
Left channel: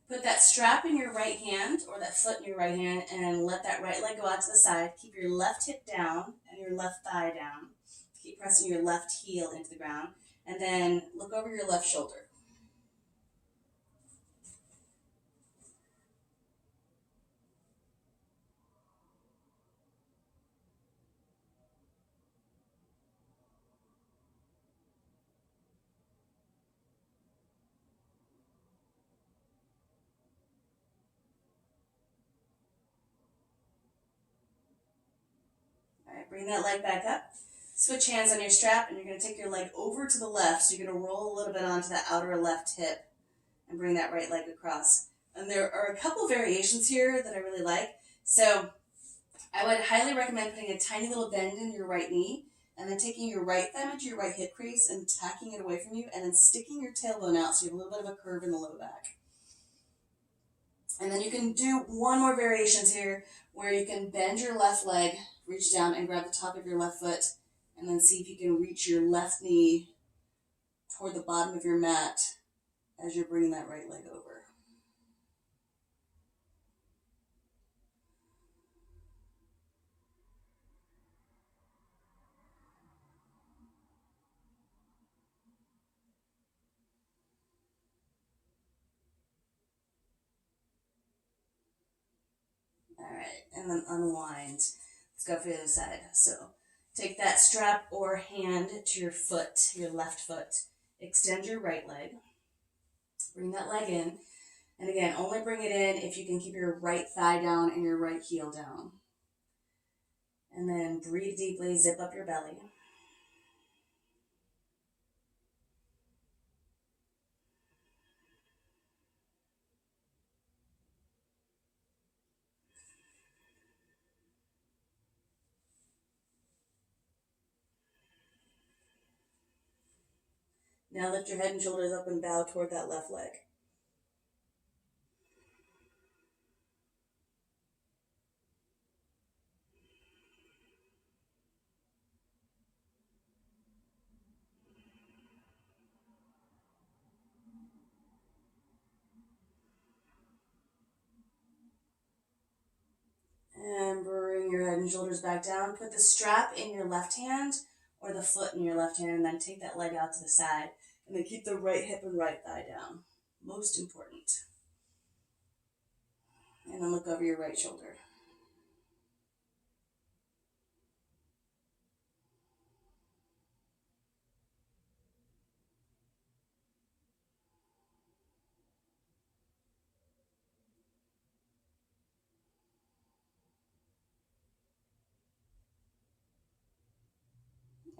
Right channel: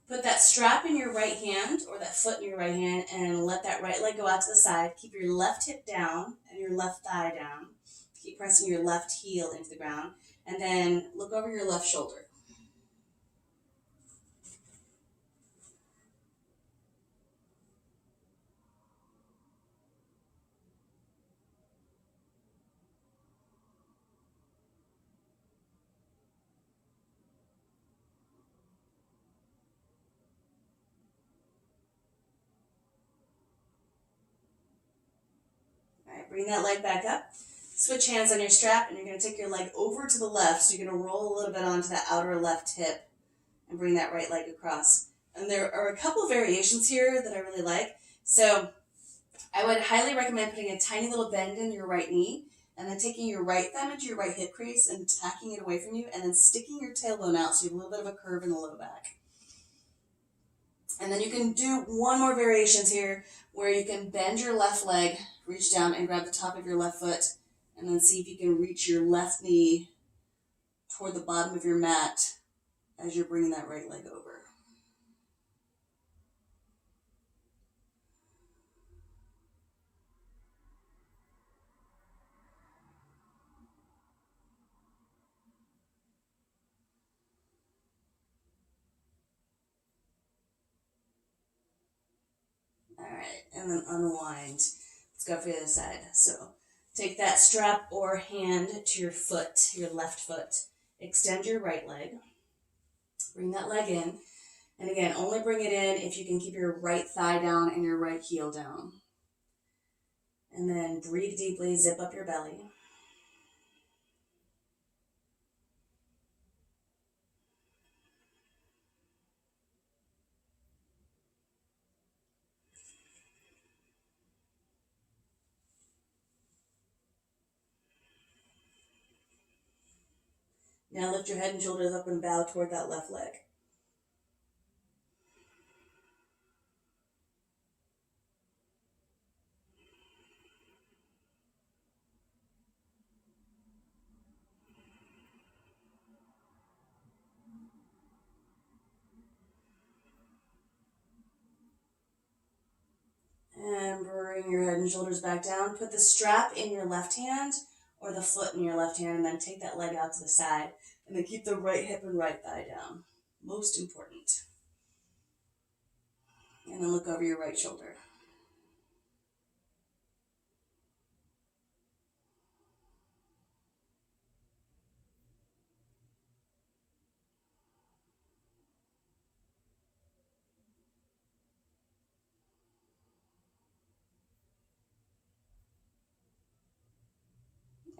Put that strap in your right hand, or that foot in your right hand, and let that right leg go out to the side. Keep your left hip down and your left thigh down. Keep pressing your left heel into the ground. And then look over your left shoulder. All right, bring that leg back up. Switch hands on your strap, and you're going to take your leg over to the left. So you're going to roll a little bit onto that outer left hip and bring that right leg across. And there are a couple variations here that I really like. So I would highly recommend putting a tiny little bend in your right knee And then taking your right thumb into your right hip crease and tacking it away from you, and then sticking your tailbone out so you have a little bit of a curve in the low back. And then you can do one more variations here where you can bend your left leg, reach down and grab the top of your left foot, and then see if you can reach your left knee toward the bottom of your mat as you're bringing that right leg over. All right, and then unwind. Let's go for the other side. So take that strap or hand to your foot, your left foot. Extend your right leg. Bring that leg in. And again, only bring it in if you can keep your right thigh down and your right heel down. And then breathe deeply, zip up your belly. Now lift your head and shoulders up and bow toward that left leg. And bring your head and shoulders back down. Put the strap in your left hand or the foot in your left hand, and then take that leg out to the side. And then keep the right hip and right thigh down. Most important. And then look over your right shoulder.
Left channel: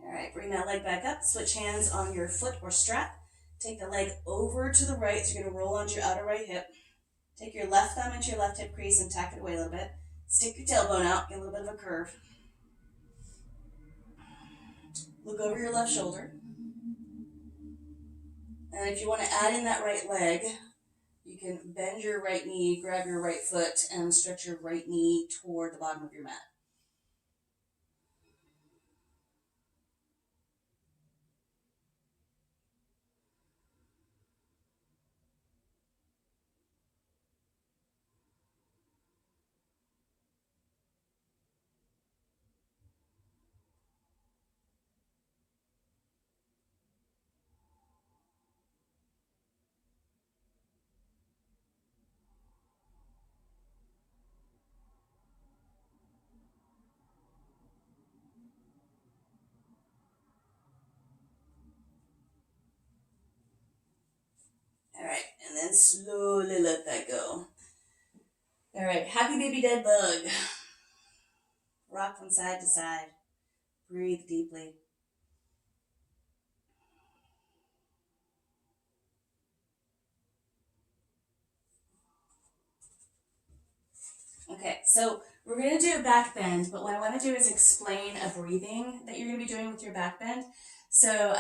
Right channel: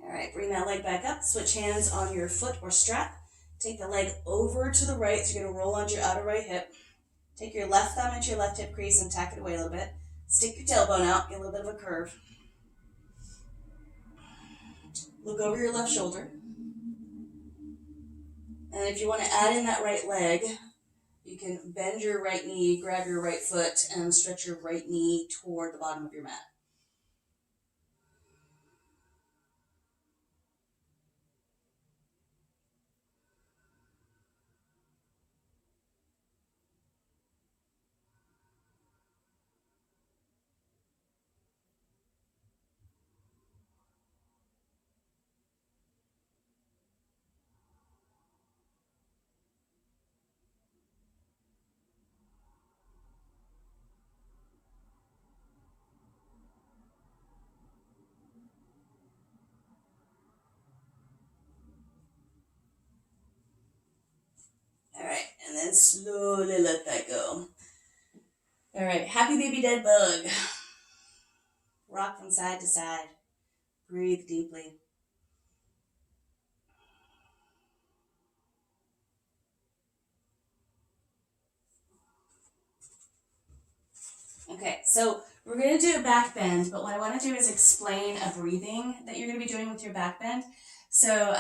All right, bring that leg back up. Switch hands on your foot or strap. Take the leg over to the right, so you're going to roll onto your outer right hip. Take your left thumb into your left hip crease and tack it away a little bit. Stick your tailbone out, get a little bit of a curve. Look over your left shoulder. And if you want to add in that right leg, you can bend your right knee, grab your right foot, and stretch your right knee toward the bottom of your mat. All right, and then slowly let that go. All right, happy baby dead bug. Rock from side to side. Breathe deeply. Okay, so we're going to do a back bend, but what I want to do is explain a breathing that you're going to be doing with your back bend. So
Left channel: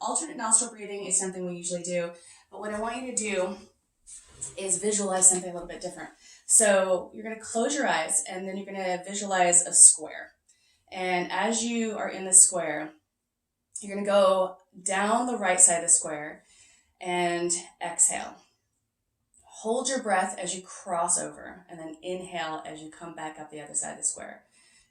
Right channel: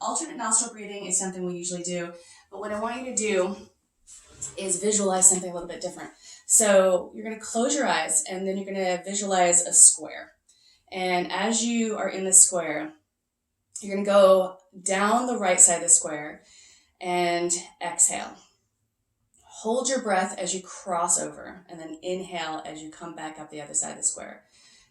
alternate nostril breathing is something we usually do, but what I want you to do is visualize something a little bit different. So you're going to close your eyes, and then you're going to visualize a square. And as you are in the square, you're going to go down the right side of the square and exhale. Hold your breath as you cross over, and then inhale as you come back up the other side of the square.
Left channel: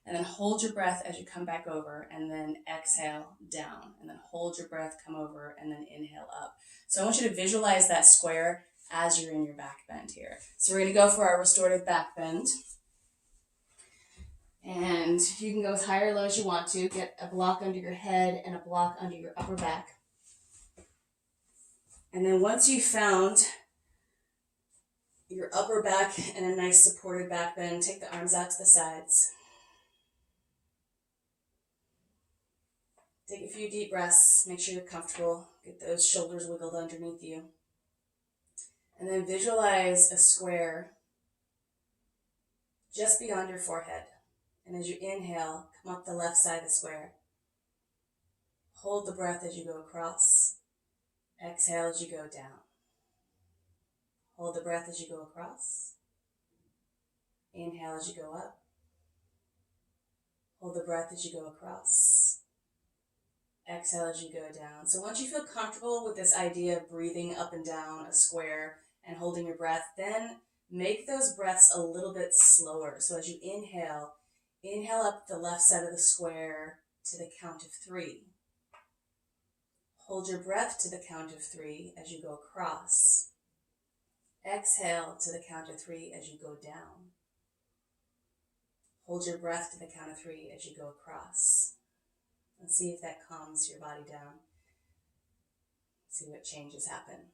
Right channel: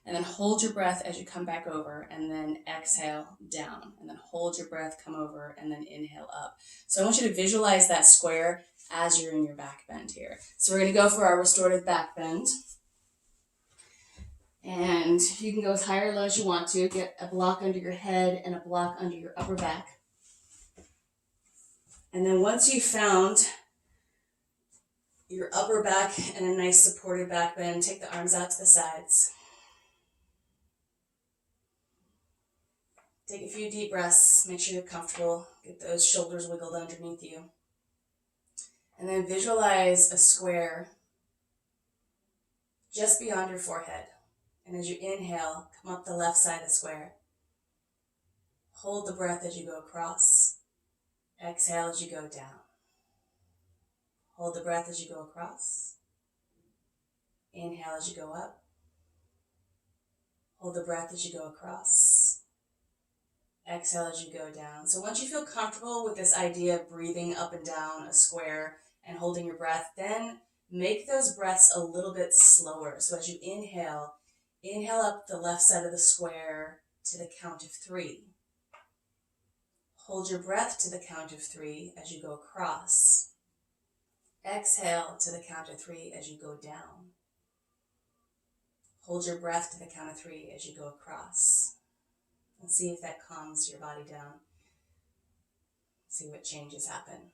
And then hold your breath as you come back over, and then exhale down. And then hold your breath, come over, and then inhale up. So I want you to visualize that square as you're in your back bend here. So we're going to go for our restorative back bend. And you can go as high or low as you want to. Get a block under your head and a block under your upper back. And then once you've found your upper back and a nice supported back bend, take the arms out to the sides. Take a few deep breaths. Make sure you're comfortable. Get those shoulders wiggled underneath you. And then visualize a square just beyond your forehead. And as you inhale, come up the left side of the square. Hold the breath as you go across. Exhale as you go down. Hold the breath as you go across. Inhale as you go up. Hold the breath as you go across. Exhale as you go down. So once you feel comfortable with this idea of breathing up and down a square and holding your breath, then make those breaths a little bit slower. So as you inhale, inhale up the left side of the square to the count of 3. Hold your breath to the count of 3 as you go across. Exhale to the count of 3 as you go down. Hold your breath to the count of 3 as you go across. And see if that calms your body down. See what changes happen.